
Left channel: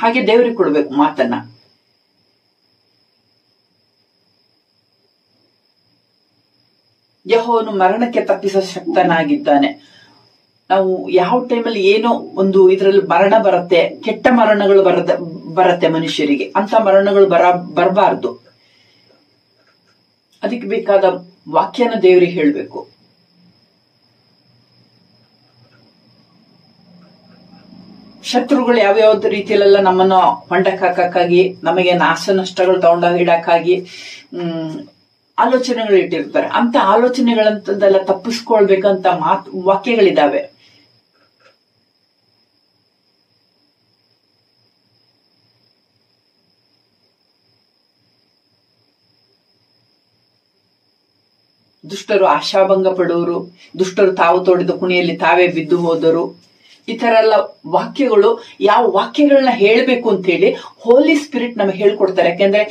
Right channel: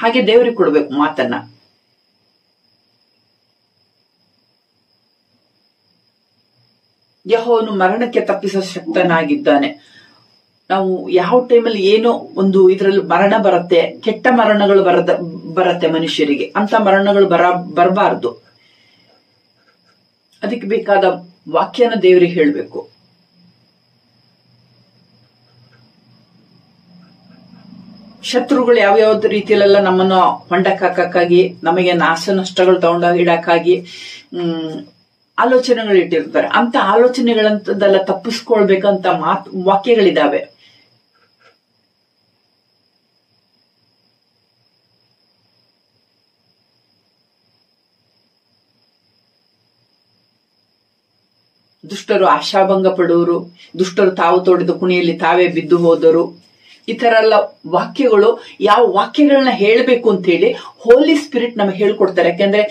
ಹಾಗೆ ದೇವರಿಗೆ ಕೊಡಬೇಕು ಮಾತನ್ನ. ಯೆಹೋವನು ಮರಣಕ್ಕೆ ತಪ್ಪಿಸೋ ಶಕ್ತನಾಗಿದ್ದಾನೆ. ನಾವು ಯಾವ ಟೈಮಲ್ಲಿ ಏನೋ ಒಂದು ಇದರಲ್ಲಿ ಮರಣ ಬರುತ್ತೆ, ಕೆಟ್ಟ ಮರಣಗಳು ಬರುತ್ತೆ ಮನುಷ್ಯರಿಗೆ. ಅಂತ ಮರಣಗಳು ಬರಬಾರ್ದು. ಅದಕ್ಕೆ ಬೇಕಾದ ವಾಕ್ಯನ ದೇವರಿಗೆ ಹೇಳಬೇಕು. ಶತ್ರುಗಳು ಯಾವ್ಯಾವ್ದು ರೀತಿಯಲ್ಲೆಲ್ಲ ನಮ್ಮನ್ನ ಹೊಂಡಕ್ ಹಾಕಕ್ಕಾಗಿ, ನಮಗೆ ನಾಶ ನಷ್ಟಗಳು ತಗೊಂಡಾಗ ಇಡಕ್ಕಾಗಿ ಆಲೋಚನೆಗಳು ಇಟ್ಟಿರ್ತಾರೆ. ಅಂತ ಆಲೋಚನೆಗಳಂತದೆಲ್ಲ ತಪ್ಪಿಸ್ಕೊಳ್ಬೇಕಂತ ವಾಕ್ಯಗಳಿದಾವೆ. ದುಷ್ಟರು ಆಶಾಭಂಗ ಪಡುವರು, ದುಷ್ಟರು ತಾವು ತೋಡಿದ ಕುಣಿಯಲ್ಲಿ ತಾವೇ ಬಿದ್ದು ಹೋದರು. ಈ ತರ ಎಲ್ಲ ವಾಕ್ಯಗಳು, ಯಾವ ವಾಕ್ಯಗಳನ್ನ ಹೇಳ್ಬೇಕು ಅಂತ ಹೇಳಿ ಹೋಲಿ ಸ್ಪಿರಿಟ್ ನಮಗೆ ಹೇಳ್ಕೊಡ್ತಾರೆ. ಯಾಕೆಂದ್ರೆ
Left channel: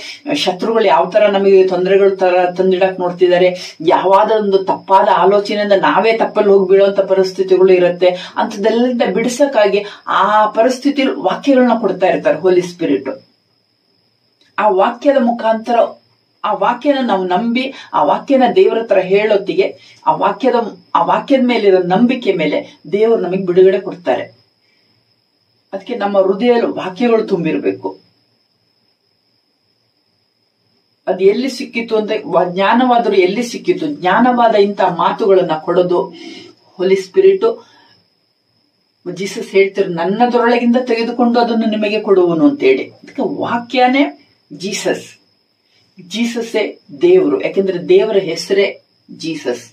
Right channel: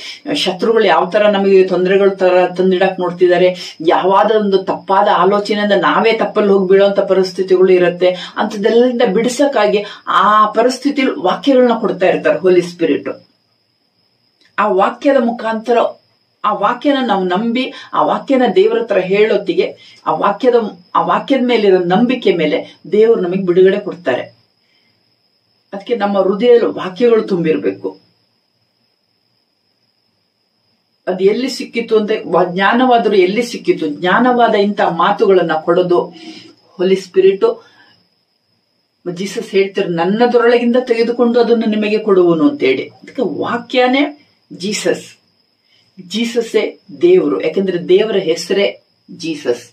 ಶತ್ರುಗಳು ಯಾವ ತರ ನಮಗೆ ತೊಂದರೆಗಳು ತರ ತಂದಿಡಕ್ ನೋಡ್ತಿದ್ದಾರೆ, ಯಾವಾದ ಒಂದು ತಪ್ಪಾದ ಆಲೋಚನೆಯಿಂದ ನಾವೇ ತಪ್ಪಲ್ಲಿ ಹೋಗಿ ಬೀಳುವಂತ ಪರಿಸ್ಥಿತಿಗಳು ಇರುತ್ತೆ. ಅಂತದೆಲ್ಲದಿಂದ ಬಿಡಿಸಕ್ಕಾಗಿ ಆ ಪರಿಸ್ಥಿತಿಯಲ್ಲಿ ವಾಕ್ಯಗಳನ್ನ ಕೊಡ್ತಾ ಇರ್ತಾರೆ ಹೋಲಿ ಸ್ಪಿರಿಟ್. ಆ ವಾಕ್ಯದ ಮುಖಾಂತರ ಆ ವಾಕ್ಯನ ನಾವು ನಂಬಿ ಆ ವಾಕ್ಯನ ದೇವರ ಹತ್ರ ಹೇಳೋತ್ತಿಗೆ ಆ ವಾಕ್ಯದ ಮೇಲಿರೋ ನಂಬಿಕೆ ಮೇಲೆ ದೇವರು ನಮಗೆ ಬಿಡುಗಡೆ ಕೊಡ್ತಾರೆ. ಅದಕ್ಕೆ ನಮ್ಮ ಹೃದಯದಲ್ಲಿ ವಾಕ್ಯಗಳು ತುಂಬಿರ್ಬೇಕು. ಅದು ಎಲ್ಲಿ ಸಿಕ್ಕಿತ್ತು ಅಂತ, ಜ್ಞಾನವಾದರೂ ಎಲ್ಲಿ ಸಿಕ್ಕಿತ್ತು, ಜ್ಞಾನವಾದ ಇಂಥ ಮಾತುಗಳನ್ನ ಕೊಡೋದು ಹೋಲಿ ಸ್ಪಿರಿಟ್. ಜೀಸಸ್ ಹೇಳ್ತಿರು, ನನ್ನದರೊಳಗಿಂದ ತೆಗೆದುಕೊಂಡು ಅದನ್ನು ನಿಮಗೆ ಕೊಡುವನು ಅಂತೇಳಿ. ಅದಕ್ಕೆ ವಾಕ್ಯನೇ ಜೀಸಸ್. ಜೀಸಸ್ಸೇ ದೇವರು. ಯಾಕಂದ್ರೆ ದೇವರ ಹೆಸರೇ ಜೀಸಸ್.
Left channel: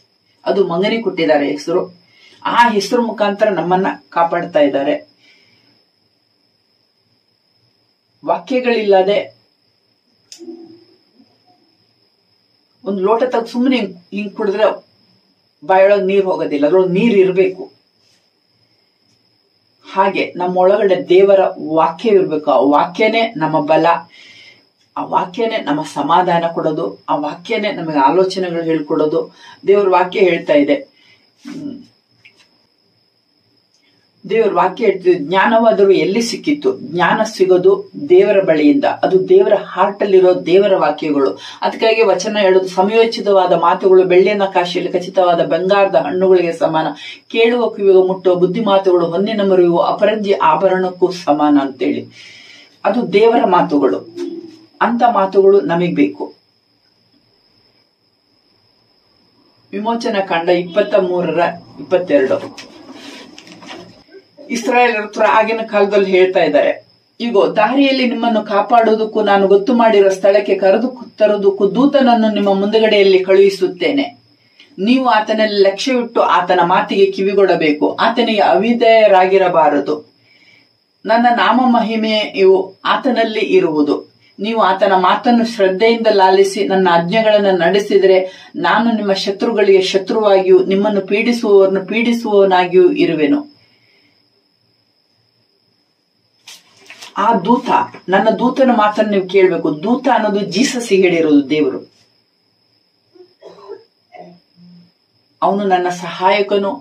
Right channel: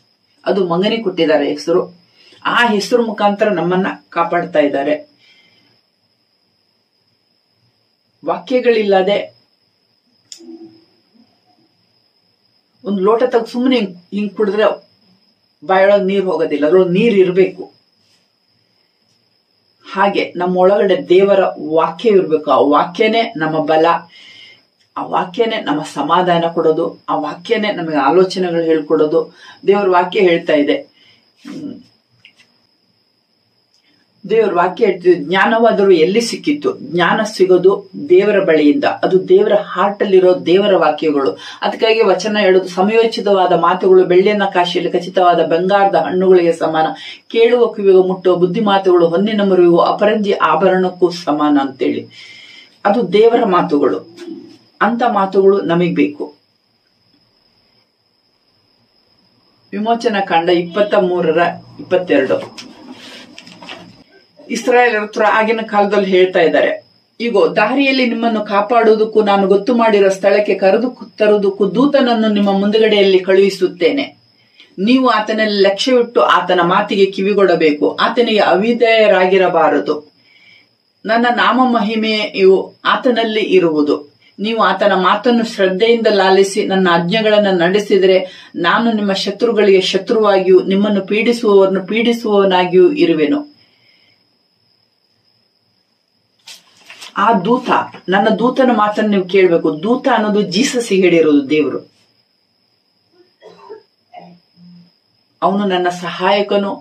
ಅದು ಮಗನಿಗೆ ಕೊಟ್ಟಿದ್ದಾರೆ ಹೆಸರು. ಆ ಹೆಸರು ಮುಖಾಂತರ ನಮ್ಮನ್ನ ಕಾಪಾಡ್ತಾ ಇದ್ದಾರೆ. ವಾಕ್ಯಗಳಿಲ್ಲದೆ ಒಂದು ಲೋಟ ತೆಗೆದು ಸುಮ್ಮನೆ ಹಿಂಗ್ ಕುಡಿದ್ರೆ ಬಾಯೊಳಗೆ ನೀರು ಹೋಗೋದಿಲ್ಲ, ಅದ್ರೊಳಗೆ ನೀರು ಇರಬೇಕು. ಹಾಗೆ ನಮ್ಮೊಳಗಡೆ ದೇವರ ವಾಕ್ಯ ಇರಬೇಕು. ಆ ವಾಕ್ಯನೇ ನಮ್ಮ ಬಲ, ಆ ವಾಕ್ಯನೇ ನಮ್ಮ ಸಮಾಧಾನ ಕೊಡೋದು, ಆ ವಾಕ್ಯನೇ ನಮಗೆ ಆಲೋಚನೆಗಳು ಹೇಳ್ಕೊಡೋದು. ದೇವರ ವಾಕ್ಯ ಹೇಳ್ತಾ ಇದೆ, ದೇವರ ವಾಕ್ಯ ಹೇಳ್ತಿದ್ರು, ಜ್ಞಾನವಾದರೂ ಎಲ್ಲಿ ಸಿಕ್ಕಿತ್ತು? ಜ್ಞಾನ ಸಿಗೋದು ದೇವರ ಬಳಿಯಿಂದ. ಅದು ದೇವರ ಹಾರ್ಟ್ ಅಲ್ಲಿರೋ ದೇವರ ವಾಕ್ಯಗಳು. ಅದಕ್ಕಾಗಿ ವಚನ ಹೇಳೋದು, ಸಮಯೋಚಿತವಾದ ಮಾತುಗಳು ಬೆಳ್ಳಿಯ ಕಾಶಿಯಲ್ಲಿ ಖಚಿತವಾದ ಬಂಗಾರದ ಹಣ್ಣುಗಳಿಗೆ ಸಮಾನ, ಕೇಳುವ ಕಿವಿಗೆ ಮುಟ್ಟುವ ಬುದ್ಧಿ ಮಾತುಗಳು ಹೊನ್ನಿನ ಮರುವು ಅಪರಂಜಿ ಆಭರಣಕ್ಕೂ ಸಮಾನ ಅಂತೇಳಿ. ಅದು ದೇವರ ಮಾತುಗಳು. ಅಂತ ಮಾತುಗಳು ನಮಗ್ ಬೇಕು. ವಿಮೋಚನಾ ಕಾಂಡ 23:22. ಇಸ್ರಾಯೇಲರ ಆಗಿನ ಕಾಲದಲ್ಲಿ ಹೇಳ್ತಾ ಇದ್ದಾರೆ, ಈಗ ದಾರಿಯಲ್ಲಿ ನಿಮ್ಮನ್ನು ಕಾಪಾಡುವುದಕ್ಕೂ ನಾನು ಗೊತ್ತು ಮಾಡಿರೋ ಸ್ಥಳಕ್ಕೆ ಕರೆದು ತರುವುದಕ್ಕೂ ದೂತನನ್ನು ನಿಮ್ಮ ಮುಂದುಗಡೆಯಲ್ಲಿ ಕಳುಹಿಸುತ್ತೇನೆ. ನೀವು ಆತನಲ್ಲಿ ಲಕ್ಷ್ಯವಿಟ್ಟು ಆತನ ಮಾತಿಗೆ ಕಿವಿಗೊಡಬೇಕು. ಆತನಿಗೆ ಅವಿಧೇಯರಾಗಿರಬಾರದು. ನನ್ನ ನಾಮ ಮಹಿಮೆಯು ಆತನಲ್ಲಿ ಇರುವುದು. ನೀವು ಆತನ ಮಾತನ್ನು ಶ್ರದ್ಧೆಯಿಂದ ಲಾಲಿಸಿ ನನ್ನ ಆಜ್ಞೆಗಳನ್ನು ನಡೆಸಿದರೆ ನಾನು ನಿಮ್ಮ ಶತ್ರುಗಳಿಗೆ ಶತ್ರುವಾಗಿಯೂ ನಿಮ್ಮನ್ನು ಪೀಡಿಸುವವರನ್ನು ಪೀಡಿಸುವವನಾಗಿಯೂ ಇರುವೆನು. ಆ ದೂತ, ನನ್ನ ದೂತನ ಮಾತನ್ನು ನೀವು ಕೇಳಬೇಕು. ದೂತ ಅನ್ನೋದು ಜೀಸಸ್ ಹೇಳಿರೋದು ದೇವರು. ಅವನು ನನ್ನ ಸಹಾಯಕನು,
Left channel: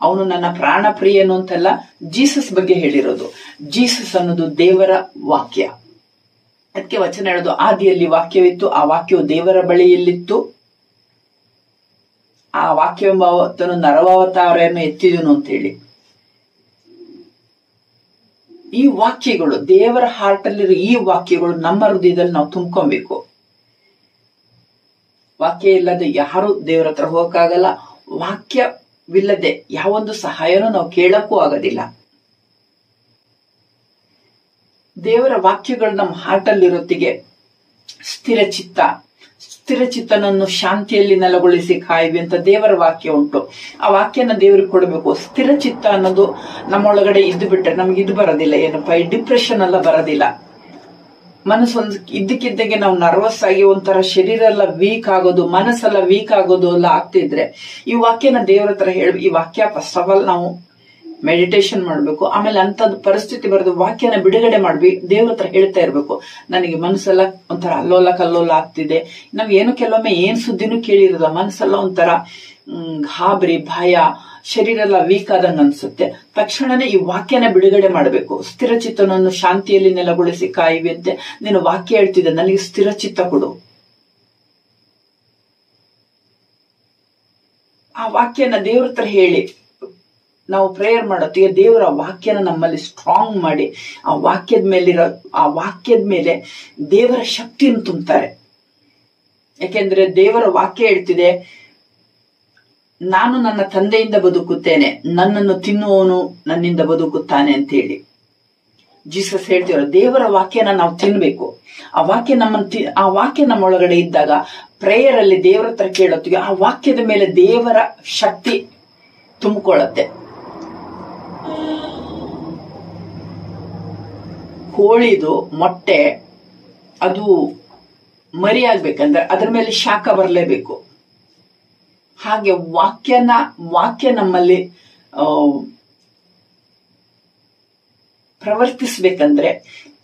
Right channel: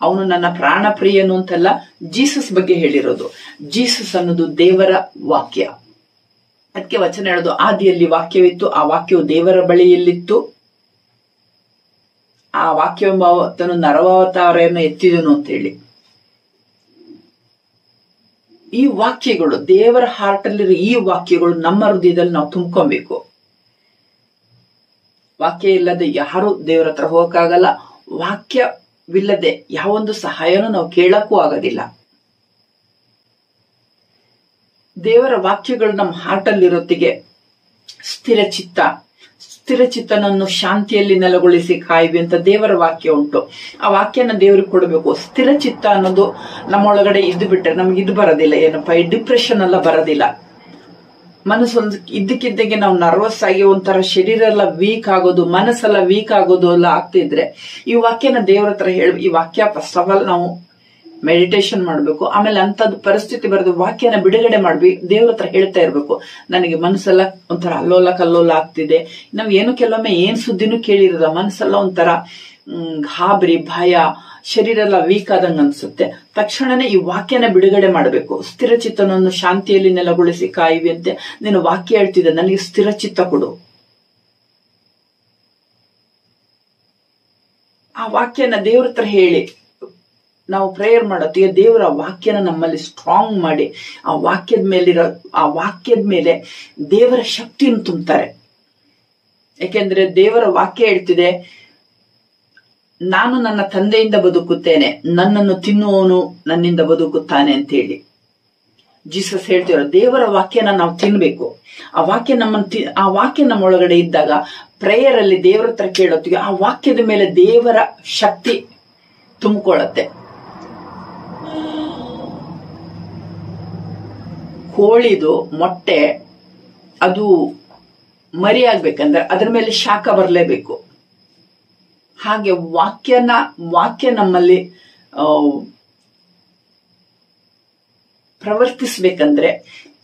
ಅವನು ನನ್ನ ಪ್ರಾಣ ಪ್ರಿಯನು ಅಂತೆಲ್ಲ ಜೀಸಸ್ ಬಗ್ಗೆ ಹೇಳಿರೋದು. ಜೀಸಸ್ ಅನ್ನೋದು ದೇವರ ವಾಕ್ಯ. ಅದಕ್ಕೆ ವಚನ ಹೇಳೋದು, ಆದಿಯಲ್ಲಿ ವಾಕ್ಯವಿತ್ತು, ಆ ವಾಕ್ಯವು ದೇವರ ಬಳಿಯಲ್ಲಿತ್ತು, ಆ ವಾಕ್ಯವೆಂಬ ಆತನು ನರವಾವತಾರವನ್ನು ಎತ್ತಿದನು ಅಂತೇಳಿ. ಈ ವಾಕ್ಯಗಳು ದೇವರ ಹಾರ್ಟ್ ಅಲ್ಲಿರೋ ಈ ವಾಕ್ಯಗಳು ನಮ್ಮ ಹೃದಯದಲ್ಲಿ ನಾವು ತುಂಬ್ಕೊಬೇಕು. ವಾಕ್ಯ ಇಲ್ಲದೆ ಯಾರು ದೇವರ ಹತ್ರ ಹೋಗಕ್ಕಾಗಲ್ಲ. ವಾಕ್ಯವಿಲ್ಲದೆ ಯಾವೊಂದು ಸಹಾಯನೂ ನಾವು ಕೇಳಕ್ಕೂ ಆಗೋದಿಲ್ಲ. ದೇವರ ವಾಕ್ಯಗಳು ನಮ್ಮ ಹಾರ್ಟ್ ಅಲ್ಲಿರೋತ್ತಿಗೆ ಸ್ಥಿರಚಿತ್ತನನ್ನು ಶಾಂತಿಯಲ್ಲಿ ನೆಲೆಗೊಳಿಸಿ ಕಾಯುವಿ ಅಂತ ದೇವರ ವಾಕ್ಯ ಉಂಟು. ಆ ವಾಕ್ಯನ ದೇವರಿಗೆ ಕೊಡಬೇಕು. ಸ್ಥಿರಚಿತ್ತ ಅನ್ನೋದು ನಮ್ಮೊಳಗಡೆ ಇದ್ದು ಬಿಟ್ರೆ ನಮ್ಗೆ ಇದು ಬರೋದಿಲ್ಲ. ಏನಪ್ಪ, ಈ ಡಿಪ್ರೆಷನ್ ಎಲ್ಲ ಬರೋದಿಲ್ಲ. ಮನಸ್ಸೊಂದು ಇದ್ದಕ್ಕಿದ್ದಂಗೆ ನಾವು ನರ್ವಸ್ ಆಗಿ ಒಂಥರ ಶರೀರ ಎಲ್ಲ ವೀಕ್ ಆಗೋದು, ಮನಸ್ಸೆಲ್ಲ ವೀಕ್ ಆಗೋದು ಎಲ್ಲ ಆಗ್ತಿದ್ರೆ ಈ ವಾಕ್ಯನ ದೇವರ ಹತ್ರ ಹೇಳಿ. ಈ ವಾಕ್ಯ ಫಸ್ಟ್ ಆಫ್ ಆಲ್ ನಾವು ಮೆಡಿಟೇಷನ್ ಮಾಡ್ಬೇಕು. ಆಮೇಲೆ ಅಂತದ್ದು ಪರಿಸ್ಥಿತಿ ಬರೋದು ವಾಕ್ಯನ ಬಿಡುಗಡೆ ಮಾಡ್ಬೇಕು. ದೇವ್ರ ಹತ್ರ ಹೇಳ್ತಾ ಇರ್ಬೇಕು, ನನಗೆ ಮನಸ್ಸೆಲ್ಲ ಒಂಥರ ಅಲ್ಲೋಲ ಕಲ್ಲೋಲ ಆಗ್ತಿದೆ. ನಾವ್ ಏನು ಕೆಲವೊಮ್ಮೆ ಏನ್ ಸುದ್ದಿನೂ ಕೇಳಿರೋದ, ಮನಸ್ಸೆಲ್ಲ ಒಂಥರ ಗಾಬರಿ, ಭಯ, ಶರೀರ ಎಲ್ಲ ವೀಕ್ ಆದಂಗ ಅನ್ಸುತ್ತೆ. ತಕ್ಷಣನೇ ಈ ವಾಕ್ಯನ ಬಿಡುಗಡೆ ಮಾಡಬೇಕು. ಸ್ಥಿರಚಿತ್ತನನ್ನು ಶಾಂತಿಯಲ್ಲಿ ನೆಲೆಗೊಳಿಸಿ ಕಾಯುವಿ ಅಂತೆ ನೀನು ವಾಕ್ಯ ಹೇಳ್ತಿದ್ದೆ, ನನಗೆ ಸ್ಥಿರಚಿತ್ತ ಕೊಡು. ಆ ವಾಕ್ಯನ ದೇವ್ರ ಹತ್ರ ಹೇಳಿ ನಾವು ಪ್ರೇಯರ್ ಮಾಡೋತ್ತಿಗೆ ದೇವರ ವಾಕ್ಯನ ನಮ್ಮಲ್ಲಿ ಸ್ಟ್ರಾಂಗ್ ಮಾಡಿ ಆ ವಾಕ್ಯದ ಮೇಲೆ ದೇವರ ಶಕ್ತಿಯನ್ನು ತುಂಬುತ್ತಾರೆ. ಯಾಕೆಂದ್ರೆ ದೇವರ ವಾಕ್ಯ ಹೇಳ್ತಿದೆ, ನಾನು ನನ್ನ ತಂದೆಯಿಂದ ಬದುಕುತ್ತೇನೆ, ನನ್ನನ್ನು ತಿನ್ನುವವನು ನನ್ನಿಂದ ಬದುಕುತ್ತಾನೆ ಅಂತ ಹೇಳಿ ಜೀಸಸ್ ಹೇಳ್ತಿರೋ. ದೇವರ ವಾಕ್ಯನ ನಾವು ತಿನ್ಬೇಕು. ಆ ವಾಕ್ಯ ನಮ್ಮೊಳಗಡೆ ಇದ್ದಾಗ ಪ್ರೇಯರ್ ಅಲ್ಲಿ ದೇವರ ಹತ್ರ ಕೇಳೋತ್ತಿಗೆ ಆ ವಾಕ್ಯದ ಮೇಲೆ ದೇವರ ಶಕ್ತಿ ತುಂಬಿಕೊಳ್ಳುತ್ತೆ. ಕೋಳಿದು ಮೊಟ್ಟೆ ಅದು ಮರಿ ಆಗ್ಬೇಕಂದ್ರೆ ಅದ್ರ ಮೇಲೆ ಶಾಖ ಬರಲೇಬೇಕು. ಹಾಗೆ ವಾಕ್ಯ ನಮ್ಮಲ್ಲಿ ಪ್ರವರ್ತಿಸ್ಬೇಕಂದ್ರೆ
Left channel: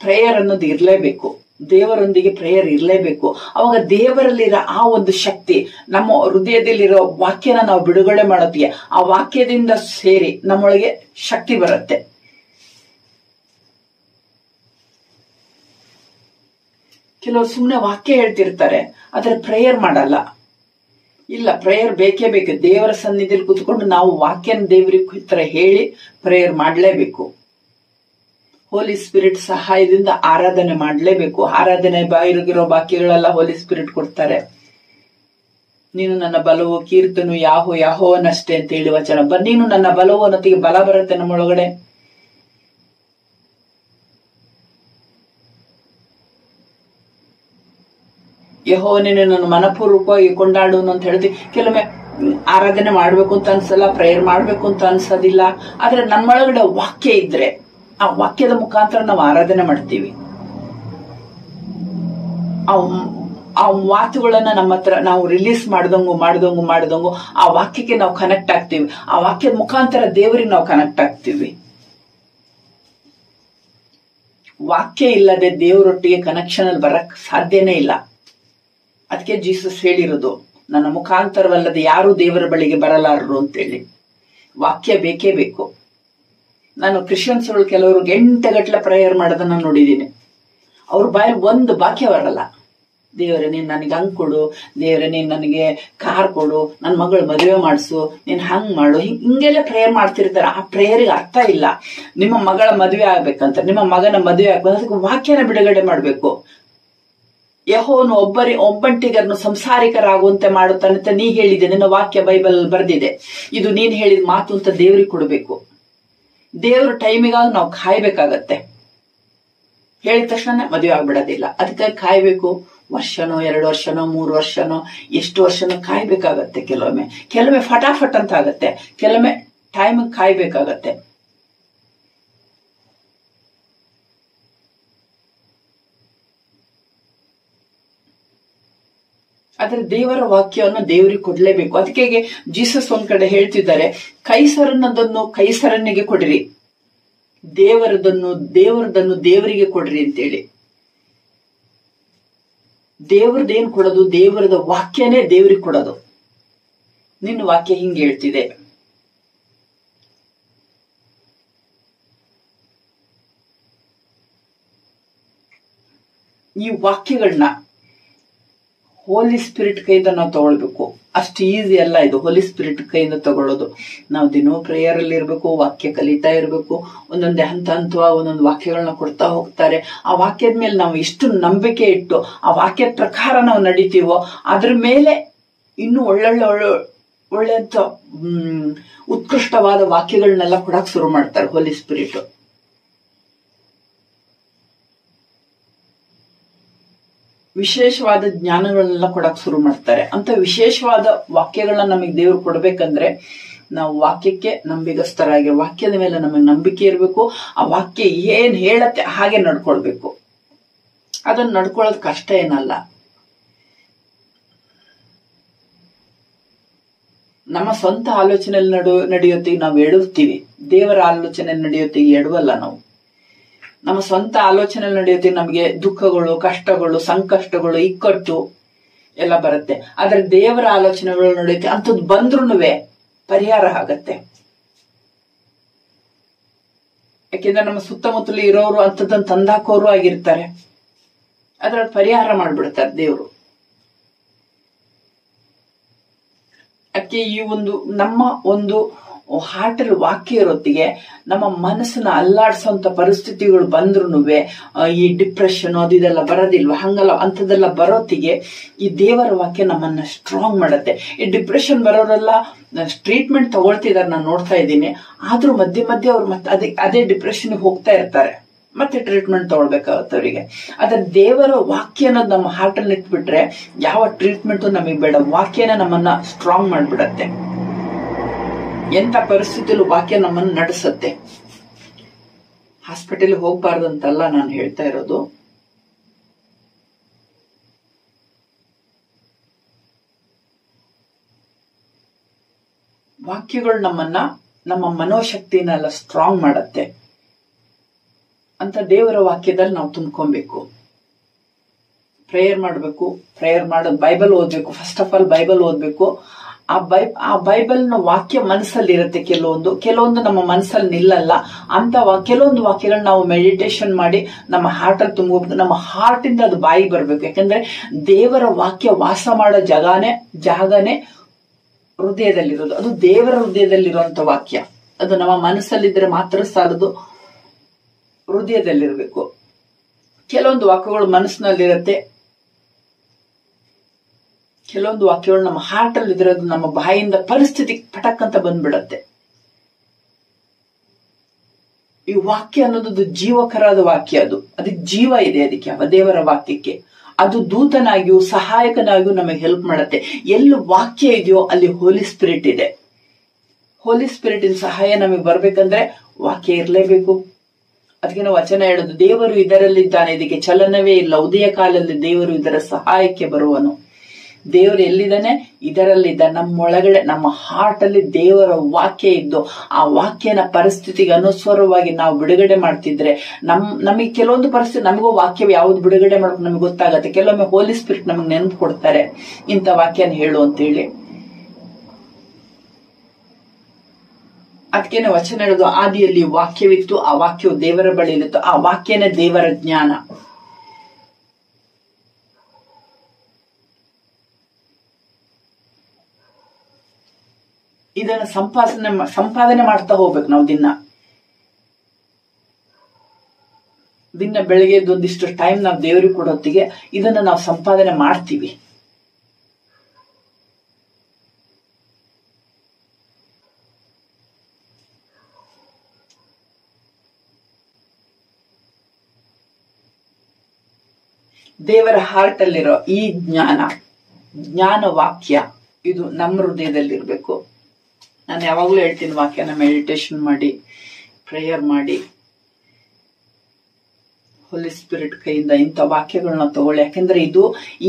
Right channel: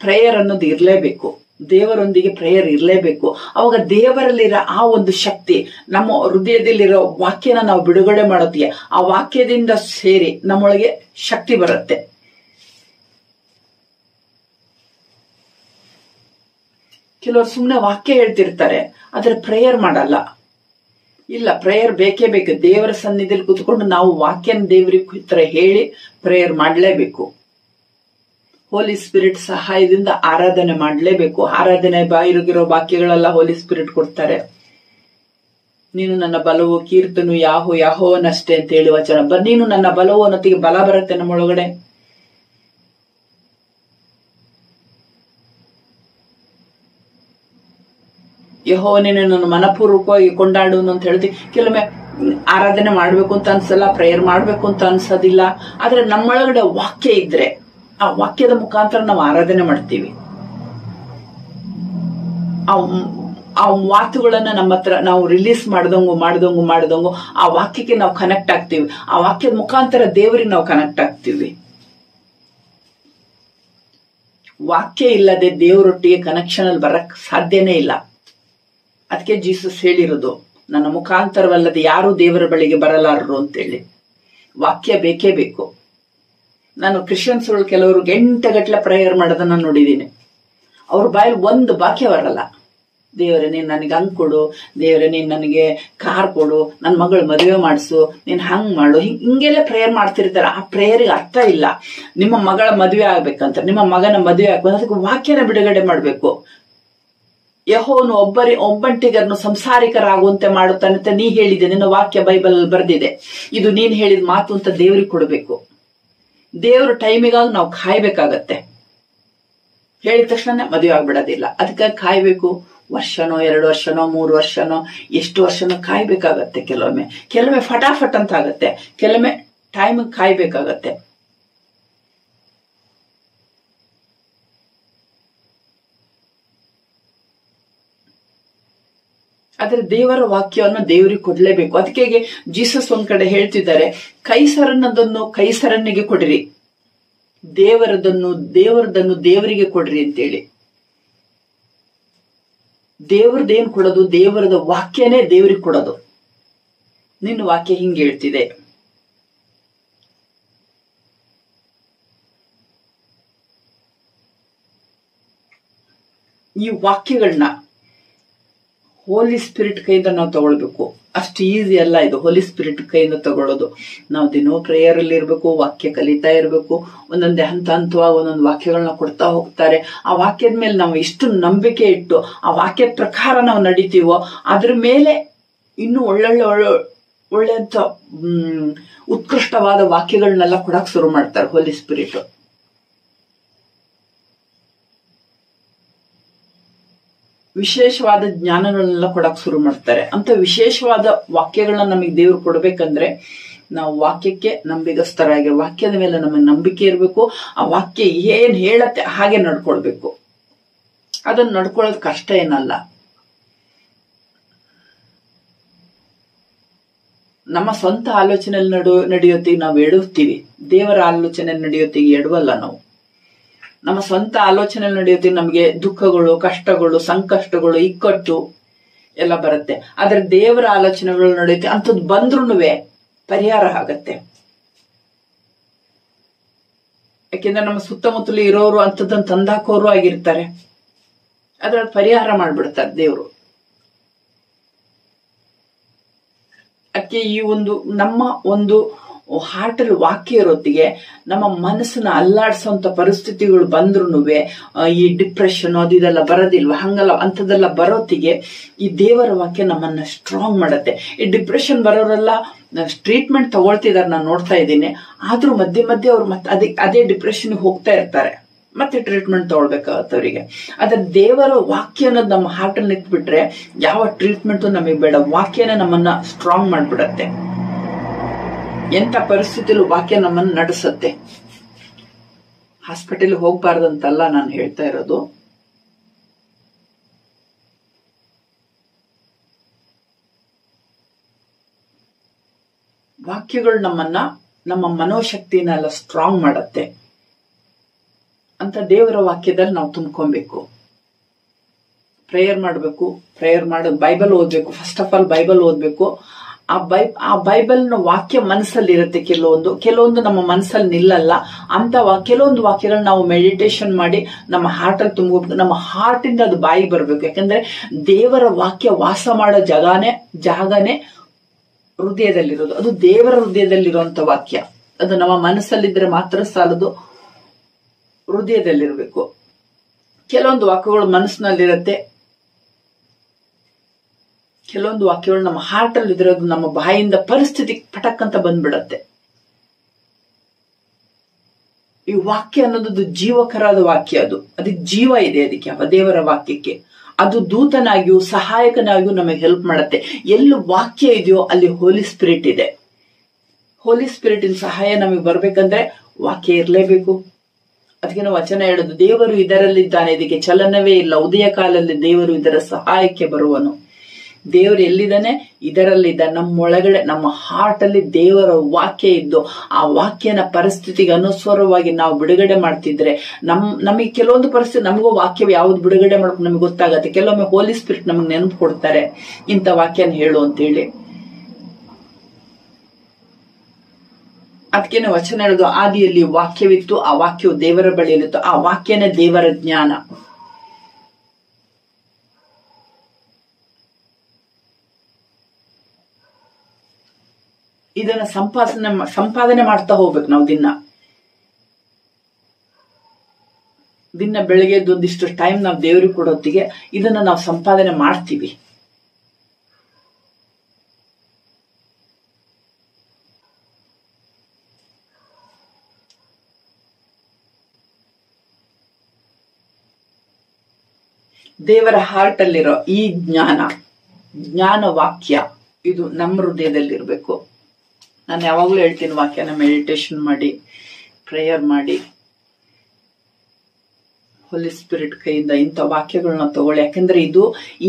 ಪ್ರೇಯರ್ ಅನ್ನೋದು ಇರ್ಲೇಬೇಕು. ದೇವರೊಂದಿಗೆ ಪ್ರೇಯರ್ ಇರ್ಲೇಬೇಕು. ಅವಾಗ ದೇವರಲ್ಲಿರೋ ಆ ಒಂದು ಶಕ್ತಿ ನಮ್ಮ ಹೃದಯದಲ್ಲಿರೋ ವಾಕ್ಯನ ನಾವು ಬಿಡುಗಡೆ ಮಾಡೋತ್ತಿಗೆ ಆ ವಾಕ್ಯದಿಂದ ಸೇರಿ ನಮ್ಮೊಳಗೆ ಶಕ್ತಿ ಬರುತ್ತೆ. ಕೆಲವರು ಸುಮ್ಮನೆ ವಾಕ್ಯ ಹೇಳ್ತಿರ್ತಾರೆ, ಆದ್ರೆ ಪ್ರೇಯರ್ ಮಾಡಲ್ಲ. ಇಲ್ಲ, ಪ್ರೇಯರ್ ಬೇಕೇ ಬೇಕು. ದೇವರ ಸನ್ನಿಧಿಯಲ್ಲಿ ಕೂತ್ಕೊಂಡು ನಾವು ವಾಕ್ಯನ ದೇವರಿಗೆ ಹತ್ರ ಹೇಳಿ ಪ್ರೇಯರ್ ಮಾಡಲೇಬೇಕು. ಹೋಲಿ ಸ್ಪಿರಿಟ್ ಸಹಾಯದಿಂದ ಆರಾಧನೆ ಮಾಡಲೇಬೇಕು. ಆರಾಧನೆ ಬಾಯಿಗಿರೋ ವಾಕ್ಯಗಳೆಲ್ಲ ಹೋಲಿ ಸ್ಪಿರಿಟ್ ಕೊಡ್ತಾರೆ. ನೀನು ನನ್ನ ಬಲವು, ಕೀರ್ತನು ಯಾಹೋವನಷ್ಟೇ ಅಂತ ಹೇಳಿ ವಚನ. ನೀನು ನನ್ನ ಬಲವು ಅನ್ನೋತ್ತಿಗೆ ಬಲ ಬರುತ್ತೆ ನಮ್ಮೊಳಗಡೆ. ಯೆಹೋವನೇ ನನ್ನ ಮನಪೂರ್ವಕವಾಗಿ ಕೊಂಡಾಡುನು ಅಂತ ಹೇಳ್ತೀವಿ. ಕೆಲವೊಮ್ಮೆ ಆರಾಧನೆ ಮಾಡ್ಬೇಕು ಅಂತ ಅನ್ಸಲ್ಲ, ಪ್ರೇಯರ್ ಮಾಡ್ಬೇಕು ಅಂತ ಅನ್ಸೋದಿಲ್ಲ. ಆದ್ರೆ ನಮ್ಮೊಳಗಡೆ ವಾಕ್ಯ ಇದ್ರೆ ಆ ವಾಕ್ಯದ ಮುಖಾಂತರ ನಾವು ಆರಾಧನೆ ಮಾಡ್ತೀವಿ. ಆ ಮಾತುಗಳನ್ನ ನಮ್ಮ ಹತ್ರ ನಾವು ರಿಲೀಸ್ ಮಾಡ್ದಂಗು ಆ ವಾಕ್ಯಕ್ಕೆ ನಾವು ಕನೆಕ್ಟ್ ಆಗ್ತೀವಿ. ಆ ವಾಕ್ಯದ ಮುಖಾಂತರ ದೇವರಿಗೆ ನಾವು ಕನೆಕ್ಟ್ ಆಗ್ತೀವಿ. ವಾಕ್ಯ ಇಲ್ಲದೆ ದೇವರೊಟ್ಟಿಗೆ ಕನೆಕ್ಷನ್ ಅಲ್ಲಿ ಬರಕ್ ಸಾಧ್ಯನೇ ಇಲ್ಲ. ಅದಕ್ಕೆ ಜೀಸಸ್ ಹೇಳಿರೋದು, ನನ್ನ ಮುಖಾಂತರವಲ್ಲದೆ ಯಾರು ದೇವರ ಬಳಿಗೆ ಬರಲಾರರು ಅಂತೇಳಿ. ವಾಕ್ಯ ಬೇಕೇ ಬೇಕು. ನಾನು ಕ್ರಿಶ್ಚಿಯನ್ಸ್ ಕೆಲವರು ಗಂಟೆಗಟ್ಟಲೆ ಪ್ರೇಯರ್ ಮಾಡೋದನ್ನ ನೋಡಿದ್ದೀನಿ. ಅವ್ರ ಬಾಯಲ್ಲಿ ಒಂದು ವಾಕ್ಯ ಬರಲ್ಲ. ದೇವರೇ ನೀನ್ ನನಗೆ ಹಂಗ್ ಕೊಡು, ದೇವರೇ ನೀನ್ ನನಗೆ ಕಾರ್ ಕೊಡು, ನನ್ ಮಗಳು ಮದುವೆ ಮಾಡಿಸು, ನೀನ್ ಹಂಗ್ ಮಾಡು, ಹಿಂಗೆಲ್ಲ ಪ್ರೇಯರ್ ಮಾಡ್ತಿರ್ತಾರೆ. ಆ ಪ್ರೇಯರ್ಗೆ ಅರ್ಥ ಇಲ್ಲ. ನಿಮ್ಮ ಮಗಳ ಮದುವೆ ಆಗ್ಬೇಕಂತ, ನಿಮ್ಮ ಮಗನ ಮದುವೆ ಆಗ್ಬೇಕು, ಅದಕ್ಕೆ ವಾಕ್ಯನ ಬಿಡುಗಡೆ ಮಾಡ್ಬೇಕು. ಯೆಹೋವನು ಒಬ್ಬಂಟಿಗರನ್ನು ಸಂಸಾರಿಕರಾಗುವಂತೆ ಮಾಡುತ್ತಾನಂತ ನೀ ಹೇಳಿದೆ, ನಿನ್ನ ವಾಕ್ಯ ಬೈಬಲ್ ಬರೆದಿದೆ. ಇದು ನೀನ್ ಹೇಳಿದ ಮಾತು ಅಂತ ದೇವ್ರಿಗೆ ಕೊಡ್ಬೇಕು. ದೇವ್ರ ಟೈಮಿಗಾಗಿ ನಾವು ಕಾಯ್ಬೇಕಾಗತ್ತೆ. ಹೇಳಿದ ತಕ್ಷಣ ಮದುವೆ ಆಗ್ಬಿಡೋದಿಲ್ಲ. ಅದಕ್ಕಾಗಿ ಕಾಯ್ಬೇಕು. ವರ್ಷನೋ 2 ವರ್ಷನೋ 3 ವರ್ಷನೋ ಎಷ್ಟು ವರ್ಷನೋ ಕಾಯ್ಬೇಕಾಗತ್ತೆ. ಕೆಲವೊಮ್ಮೆ ಫಟಾಫಟ್ ಅಂತ ಆಗತ್ತೆ, ಕೆಲವೊಮ್ಮೆ ಟೈಮ್ ಕಾಯ್ಬೇಕಾಗತ್ತೆ. ಆದ್ರೆ ದೇವರ ವಾಕ್ಯವನ್ನು ದೇವರಿಗೆ ಕೊಡ್ಲೇಬೇಕು. ಅದಕ್ಕೆ ಜೀಸಸ್ ಒಂದ್ ಕಡೆ ಹೇಳ್ತಿದ್ದಾರೆ, ಕೈಸರನ್ನದನ್ನು ಕೈಸರನಿಗೆ ಕೊಡ್ರಿ, ದೇವರದನ್ನು ದೇವರಿಗೆ ಕೊಡ್ರಿ ಅಂತೇಳಿ. ದೇವರದೇನ್ ಕೊಡೋದು? ದೇವರದ ವಾಕ್ಯನೇ ದೇವರಿಗೆ ಕೊಡೋದು. ನಿನ್ನ ವಾಕ್ಯ ಹಿಂಗೆ ಹೇಳ್ತಿದೆ, ಈ ವಾಕ್ಯಗಳನ್ನ ಹೋಲಿ ಸ್ಪಿರಿಟ್ ಕೈಯಿಂದ ನಾವು ತಗೊಳ್ಬೇಕು. ಅಷ್ಟು ಈಸಿ ಅಲ್ಲ ಇದು, ಹೋಲಿ ಸ್ಪಿರಿಟ್ ಕೈಯಿಂದ ತಗೊಳ್ಳೋದು. ನಾವು ದಿನೋ ಪ್ರೇಯರ್ ಅಲ್ಲಿ ಇರ್ಬೇಕು, ವಾಕ್ಯ ಕಲಿತಾ ಇರ್ಬೇಕು. ಒಂದೊಂದೇ ಹಂತವಾಗಿ ಒಂದೊಂದು ವಾಕ್ಯಗಳನ್ನ ಕೊಡ್ತಾ ಹೋಗ್ತಾರೆ. ಆ ವಾಕ್ಯದ ಮೇಲೆ ನಾವು ಎಷ್ಟು ನಂಬಿಕೆ ಇಟ್ಟು ಆ ವಾಕ್ಯದ ಪ್ರಕಾರ ನಾವು ನಡೀತೀವೋ ಅದ್ರ ಮೇಲೆ ಇನ್ನು ಒಳ್ಳೆಂತ ಉತ್ಕೃಷ್ಟವಾದ ವಾಕ್ಯಗಳನ್ನೆಲ್ಲ ಕೊಡಕ್ ಶುರು ಮಾಡ್ತಾರೆ ಹೋಲಿ ಸ್ಪಿರಿಟ್. ವಿಶೇಷವಾದ ಜ್ಞಾನಗಳನ್ನೆಲ್ಲ ಕೊಡಕ್ ಶುರು ಮಾಡ್ತಾರೆ. ಅಂತ ವಿಶೇಷವಾದ ವಾಕ್ಯಗಳನ್ನ ನಮಗೆ ದೇವ್ರು ಕೊಡ್ಬೇಕಂದ್ರೆ ನಾವು ವಾಕ್ಯಕ್ಕೆ ನಂಬಿಗಸ್ತರಾಗಿ, ವಾಕ್ಯದ ಮೇಲೆ ನಮಗೆ ನಂಬಿಕೆ ಇರಬೇಕು. ಆ ವಾಕ್ಯ ಏನ್ ಹೇಳತ್ತೆ ಹಾಗೆ ನಡ್ಕೊಳ್ಬೇಕು. ಅದನ್ನ ನಡ್ಕೊಳ್ಳೋದು ಕಷ್ಟ ಏನಲ್ಲ. ನಮ್ಮ ಸ್ವಂತ ಆಲೋಚನೆಯಲ್ಲಿ ನಡೆಯೋತ್ತಿಗೆ ನಾವು ಎಡುತ್ತೀವಿ, ದೇವರ ಆಲೋಚನೆ ನಡೆಯೋತ್ತಿಗೆ ಎಡವಲ್ಲ ನಾವು. ನಮ್ಮ ಸ್ವಂತ ಆಲೋಚನೆ ನಡೆಯುತ್ತೆ, ನಮಗೆ ದುಃಖಗಳು, ಕಷ್ಟಗಳು, ಸಂಕಷ್ಟಗಳು, ಇಕ್ಕಟ್ಟು ಎಲ್ಲ ಬರುತ್ತೆ. ಆದ್ರೆ ದೇವರ ಆಲೋಚನೆಗಳು ನಡೆಯುತ್ತೆ, ಅಂಥದ್ದು ಬಂದ್ರೂ ಪರಿಹಾರ ಆಗತ್ತೆ. ಯಾಕೆಂದ್ರೆ ನಮ್ಮ ಸುತ್ತಮುತ್ತಲು ಇರೋರು ಅಂಥದ್ದನ್ನು ತಂದಾಕೋರು ಆಗಿರ್ತಾರೆ. ಅದ್ರಲ್ಲಿ ಪರಿಹಾರ ಮಾಡ್ಬಿಡ್ತಾರೆ ದೇವರು. ಅದಕ್ಕೆ ಈ ನಮ್ಮ ಒಂದು ಹಾರ್ಟ್ ಅಲ್ಲಿ ವಾಕ್ಯ ಇರೋತ್ತಿಗೆ ನಮ್ಮ ಮನಸ್ಸನ್ನ ಅಲ್ಲಾಡ್ಸೋಂತ ಪರಿಸ್ಥಿತಿಗಳು ಬಂದ್ರು ಈ ಡಿಪ್ರೆಷನ್ ಅದು ಇದೆಲ್ಲ ಬರೋದಿಲ್ವ, ಹಂಗಲ್ಲ ಅಂಥದ್ದೆಲ್ಲ ಬರೋತ್ತಿಗೆ ಈ ದೇವರ ವಾಕ್ಯ ನಮ್ಮನ್ನ ಸ್ಟ್ರಾಂಗ್ ಮಾಡತ್ತೆ. ಈ ಡಿಪ್ರೆಷನ್ ಬರೋರೆಲ್ಲ ಟ್ರೀಟ್ಮೆಂಟ್ ತಗೊಳ್ತಿದಾರೆ, ನಾನು ನೋಡ್ತಾ ಇದ್ದೀನಿ. ಆದ್ರೂ ಮಧ್ಯೆ ಅವ್ರು ಮತ್ತೆ ಅದೇ ಡಿಪ್ರೆಷನ್ ಹೋಗ್ತಾ ಇರ್ತಾರೆ, ಮತ್ತೆ ಟ್ರೀಟ್ಮೆಂಟ್ ತಗೊಳ್ಬೇಕಾಗತ್ತೆ ಅವರಿಗೆ. ಆದ್ರೆ ದೇವರ ವಾಕ್ಯ ಅನ್ನೋದು ನಮ್ಮ ಹಾರ್ಟ್ ಅಲ್ಲಿ ಇಟ್ಬಿಟ್ರೆ ಯಾವ ಟ್ರೀಟ್ಮೆಂಟ್ ನಮಗೆ ಬೇಡ. ವಾಕ್ಯನೇ ನಮ್ಮನ್ನ ಸ್ಟ್ರಾಂಗ್ ಮಾಡ್ಬಿಡತ್ತೆ. ಎಂತ ಪರಿಸ್ಥಿತಿಯಲ್ಲೂ ವಾಕ್ಯ ನಮ್ಮನ್ನು ನಡೆಸುತ್ತೆ. ಹಾಸ್ಪಿಟಲ್ ಹೋಗ್ಬಾರ್ದಂತಲ್ಲ ನಾನು ಹೇಳ್ತಾ ಇರೋದು. ವಾಕ್ಯಗಳು ನಮ್ಮ ಮನೋಶಕ್ತಿನೆಲ್ಲ ಸ್ಟ್ರಾಂಗ್ ಮಾಡತ್ತೆ. ಅಂತ ದೇವರ ವಾಕ್ಯದಲ್ಲಿ ನಾವು ತುಂಬ್ಕೊಬೇಕು. ಪ್ರೇಯರ್ ಮಾಡಬೇಕು. ಪ್ರೇಯರ್ ಮಾಡೋದು ಬೈಬಲ್ ಓದ್ಬೇಕು. ಫಸ್ಟ್ ಆಫ್ ಆಲ್ ಬೈಬಲ್ ಓದ್ಬೇಕು. ಆ ಬೈಬಲ್ನ ವಾಕ್ಯ ಮನಸ್ಸಲ್ಲಿ ಇರುತ್ತೆ. ಕೆಲವೊಂದು ನಮ್ಮ ಮನಸ್ಸಲ್ಲಿ ನಿಲ್ಲಲ್ಲ. ಅಂತ ಕೆಲವೊಂದು ವಾಕ್ಯಗಳನ್ನ ನಾವು ಮೆಡಿಟೇಷನ್ ಮಾಡಿ ನಮ್ಮ ಹಾರ್ಟ್ ಅಲ್ಲಿ ತುಂಬಬೇಕು. ನಮ್ಮ ಹಾರ್ಟ್ ಇಂದ ಅದು ಬಾಯಿ ಬರ್ಬೇಕು. ಯಾಕಂದ್ರೆ ದೇವರ ವಾಕ್ಯ ವಾಸ ಮಾಡೋ ಜಾಗನೇ ಹೃದಯದಲ್ಲಿರೋದು. ಅದು ದೇವರ ಹೃದಯದಲ್ಲಿರುವಂತ ವಾಕ್ಯ. ಅದು ನಮ್ಮ ಮನಸ್ಸಲ್ಲಿದ್ರೆ ಮಾತ್ರ ಸಾಲದು, ಹೃದಯದಲ್ಲಿರ್ಬೇಕು. ಕೆಲವೊಂದು ವಾಕ್ಯಗಳು ಮನಸ್ಸಿನಲ್ಲಿರುತ್ತೆ, ಕೆಲವೊಂದು ವಾಕ್ಯಗಳು ನಮ್ಮ ಹಾರ್ಟ್ ಅಲ್ಲಿ ಇದ್ರದು ನಮ್ಮ ಬಾಯಿಂದ ಪರಿಸ್ಥಿತಿ ಪಟಕ್ ಅಂತ ಬಂದ್ಬಿಡತ್ತೆ. ಈ ವಾಕ್ಯ ಅನ್ನೋದು ಜೀವಕರಾದ ವಾಕ್ಯ. ಅದಕ್ಕೆ ಜೀವ ಇದೆ. ಅದಕ್ಕೆ ದೇವರ ವಾಕ್ಯಕ್ಕೆ ಅದು ದೂತನಾಗಿಯೂ ಸಹಾಯಕನಾಗಿಯೂ ನಮಗೆ ಹೆಲ್ಪ್ ಮಾಡುತ್ತೆ. ಎಲ್ಲಿ ವಾಕ್ಯ ಇದೆಯೋ ಅಲ್ಲಿ ಹೋಲಿ ಸ್ಪಿರಿಟ್ ಇದೆ. ಹೋಲಿ ಸ್ಪಿರಿಟಿನ ಸಹಾಯ ನಮಗೆ ಬರ್ಬೇಕಂದ್ರೆ ವಾಕ್ಯ ಇರಲೇಬೇಕು. ಅದಕ್ಕೆ ನಾವು ವಚನ ಹೇಳೋದು, ದೇವರು ಇದರಲ್ಲಿದ್ದಾನೆ, ಇದಕ್ಕೆ ಚಲನವೇ ಇಲ್ಲ. ಉದಯ ಕಾಲದಲ್ಲಿ ದೇವರು ಇದರ ಸಹಾಯಕ್ಕೆ ಬರುವನು. ದೇವರು ಎಲ್ಲಿದ್ದಾನೆ? ಇದರಲ್ಲಿದ್ದಾನೆ. ನಮ್ಮೊಳಗಡೆ ನಮ್ಮ ಹಾರ್ಟ್ ಅಲ್ಲಿ ದೇವರ ವಾಕ್ಯ ಇದ್ದು ಆ ವಾಕ್ಯನ ಪರಿಸ್ಥಿತಿಗೆ ಅನುಸಾರವಾಗಿ ನಾವು ಬಿಡುಗಡೆ ಮಾಡ್ತಿದ್ರೆ ನಮಗೆ ಕೆಲವೊಂದು ಪರಿಸ್ಥಿತಿ ನಮಗೂ ವಾಕ್ಯ ಯಾವ್ದು ಬಿಡುಗಡೆ ಮಾಡೋಕೆ ನಮಗೆ ಗೊತ್ತಾಗತ್ತೆ. ಕೆಲವೊಮ್ಮೆ ಹೋಲಿ ಸ್ಪಿರಿಟ್ ನಮಗೆ ನೆನಪು ಕೊಡ್ತಾರೆ, ಇಂಥ ವಾಕ್ಯನ ಹೇಳು ಅಂತೇಳಿ. ಅದಕ್ಕೇನೆ ವಚನ ಹೇಳುದು, ಆದಿಯಲ್ಲಿ ವಾಕ್ಯವಿತ್ತು, ಆ ವಾಕ್ಯವು ದೇವರ ಬಳಿಯಲ್ಲಿತ್ತು, ಆ ವಾಕ್ಯನೇ ದೇವರ ಜ್ಞಾನ. ಇದನ್ನ ಸಂಪಾದನೆ ಮಾಡ್ತಾ ಹೋಗ್ಬೇಕು ನಾವು. ದಿನ ಬೆಳಗ್ಗೆ ಒಂದಿಷ್ಟು ಟೈಮ್ ನಾವು ದೇವರಿಗೆ ಕೊಡೋತ್ತಿಗೆ ಇದನ್ನ ನಾವು ಸಂಪಾದನೆ ಮಾಡ್ತೀವಿ. ದೇವರ ಹಾರ್ಟ್ ಅಲ್ಲಿರೋ ಈ ಜ್ಞಾನ ವಾಕ್ಯ ಇದು ನಮ್ಮ ಹೃದಯದಲ್ಲಿರ್ಬೇಕು. ನಾನು ಯಾವಾಗ್ಲೂ ಹೇಳ್ತೀನಿ, ವಾಕ್ಯನ ಮೆಡಿಟೇಷನ್ ಮಾಡಿ, ಪ್ರೇಯರ್ ಮಾಡಿ, ಹೋಲಿ ಸ್ಪಿರಿಟ್ ಕೈಯಿಂದ ಇಂಥ ವಾಕ್ಯಗಳನ್ನ ತಗೊಳ್ಳಿ. ಯಾಕಂದ್ರೆ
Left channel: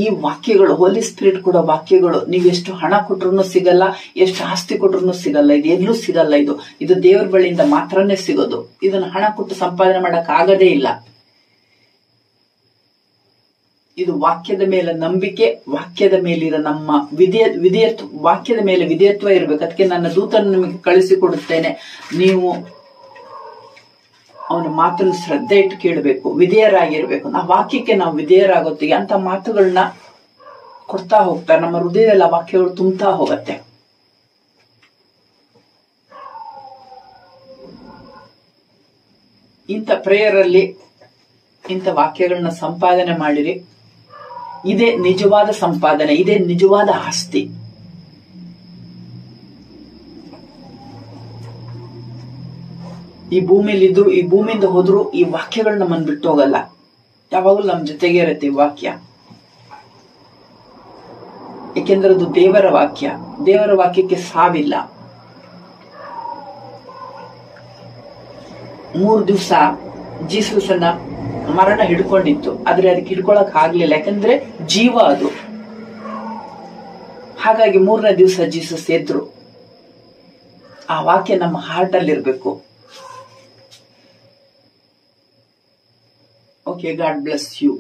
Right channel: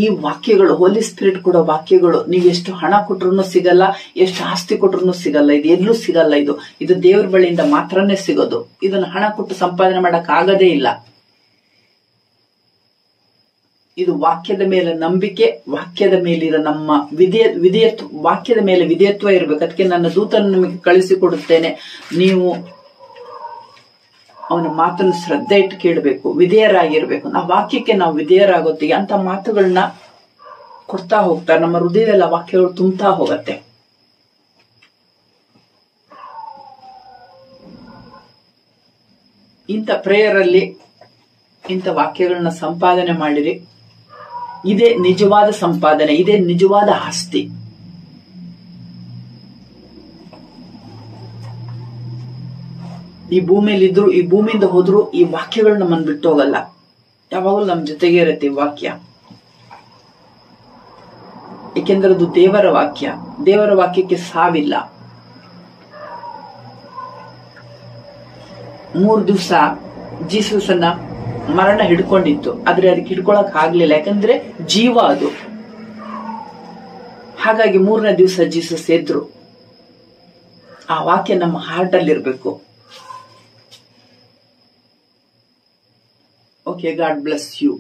ಈ ವಾಕ್ಯಗಳು, ಹೋಲಿ ಸ್ಪಿರಿಟ್ ಕೊಡೋ ವಾಕ್ಯಗಳು, ನೀವೆಷ್ಟು ಹಣ ಕೊಟ್ರು ಸಿಗಲ್ಲ, ಎಷ್ಟು ಆಸ್ತಿ ಕೊಟ್ರು ಸಿಗಲ್ಲ, ಇದು ಎಲ್ಲೂ ಸಿಗಲ್ಲ. ಇದು ದೇವರ ಬಳಿಯಿಂದ ಮಾತ್ರನೇ ಸಿಗೋದು. ಇದನ್ನ ಹಣ ಕೊಟ್ಟು ಸಂಪಾದನೆ ಮಾಡಕ್ ಆಗದೇ ಇಲ್ಲ. ಇದು ವಾಕ್ಯದ ಮೇಲೆ ನಂಬಿಕೆ, ವಾಕ್ಯದ ಮೇಲಿರೋ ನಮ್ಮ ವಾಕ್ಯದ ಮೇಲೆ ವಿಧೇಯತ್ವ ಇರಬೇಕು. ಅದಕ್ಕೆ ನನ್ನ ದೂತನ್ನು ನಿಮಗೆ ಕಳಿಸಿಕೊಡುತ್ತೇನೆ, ನೀವು ಅವನ ಮಾತನ್ನು ಶ್ರದ್ಧೆ ಇಟ್ಟು ಕೇಳಬೇಕು, ವಿಧೇಯರಾಗಿರ್ಬೇಕು. ನಾವು ವಾಕ್ಯಕ್ಕೆ ನಾವು ವಿಧೇಯರಾಗೋತ್ತಿಗೆ ಅಂತ ಮಾತುಗಳನ್ನ ಕೊಡ್ತಾ ಹೋಗ್ತಾರೆ. ನಮ್ಮ ಹೃದಯದಲ್ಲಿ ಆ ವಾಕ್ಯಗಳು ತುಂಬ್ತಾ ಹೋಗತ್ತೆ. ಇಂಥ ಪ್ರೇಯರ್ ಅಲ್ಲಿ ಇಂಥ ವಾಕ್ಯಗಳನ್ನ ಸಂಪಾದನೆ ಮಾಡಿರಿ. ಇದೇ ನಿಜವಾದ ಸಂಪಾದನೆ, ಇದೇ ನಿಜವಾದ ಆಸ್ತಿ. ಈ ಭೂಮಿಯಲ್ಲಿದ್ರು, ಈ ಭೂಮಿಯಿಂದ ಹೋದ್ರು ಈ ವಾಕ್ಯಗಳು ನಮ್ಮನ್ನು ಬಿಟ್ಟು ಹೋಗಲ್ಲ. ಯಾವಾಗಲೂ ನಮ್ಮ ಜೊತೆಗೆ ಇರುತ್ತೆ ಈ ವಾಕ್ಯ. ಏಕೆಂದ್ರೆ ಅದು ದೇವರ ವಾಕ್ಯ. ದೇವರ ವಾಕ್ಯಕ್ಕೆ ಸಾವಿಲ್ಲ. 3 ದಿವಸ ಜೀಸಸನ್ನ ಮರಣ ಹಿಡ್ಕೊಂಡಿತ್ತು, ಆದ್ರೆ ಅದಕ್ಕೆ ಹಿಡ್ಕೊಳಕ್ ಆಗ್ಲಿಲ್ಲ. ಯಾಕಂದ್ರೆ ಜೀವ ಅದು. ಹಾಗಾಗಿ 3ನೇ ದಿವಸ ಜೀಸಸ್ ಎದ್ರು. ಆ ವಾಕ್ಯ ನಮ್ಮ ಹಾರ್ಟ್ ಅಲ್ಲಿ ಇರ್ಬೇಕು. Okay, God bless you.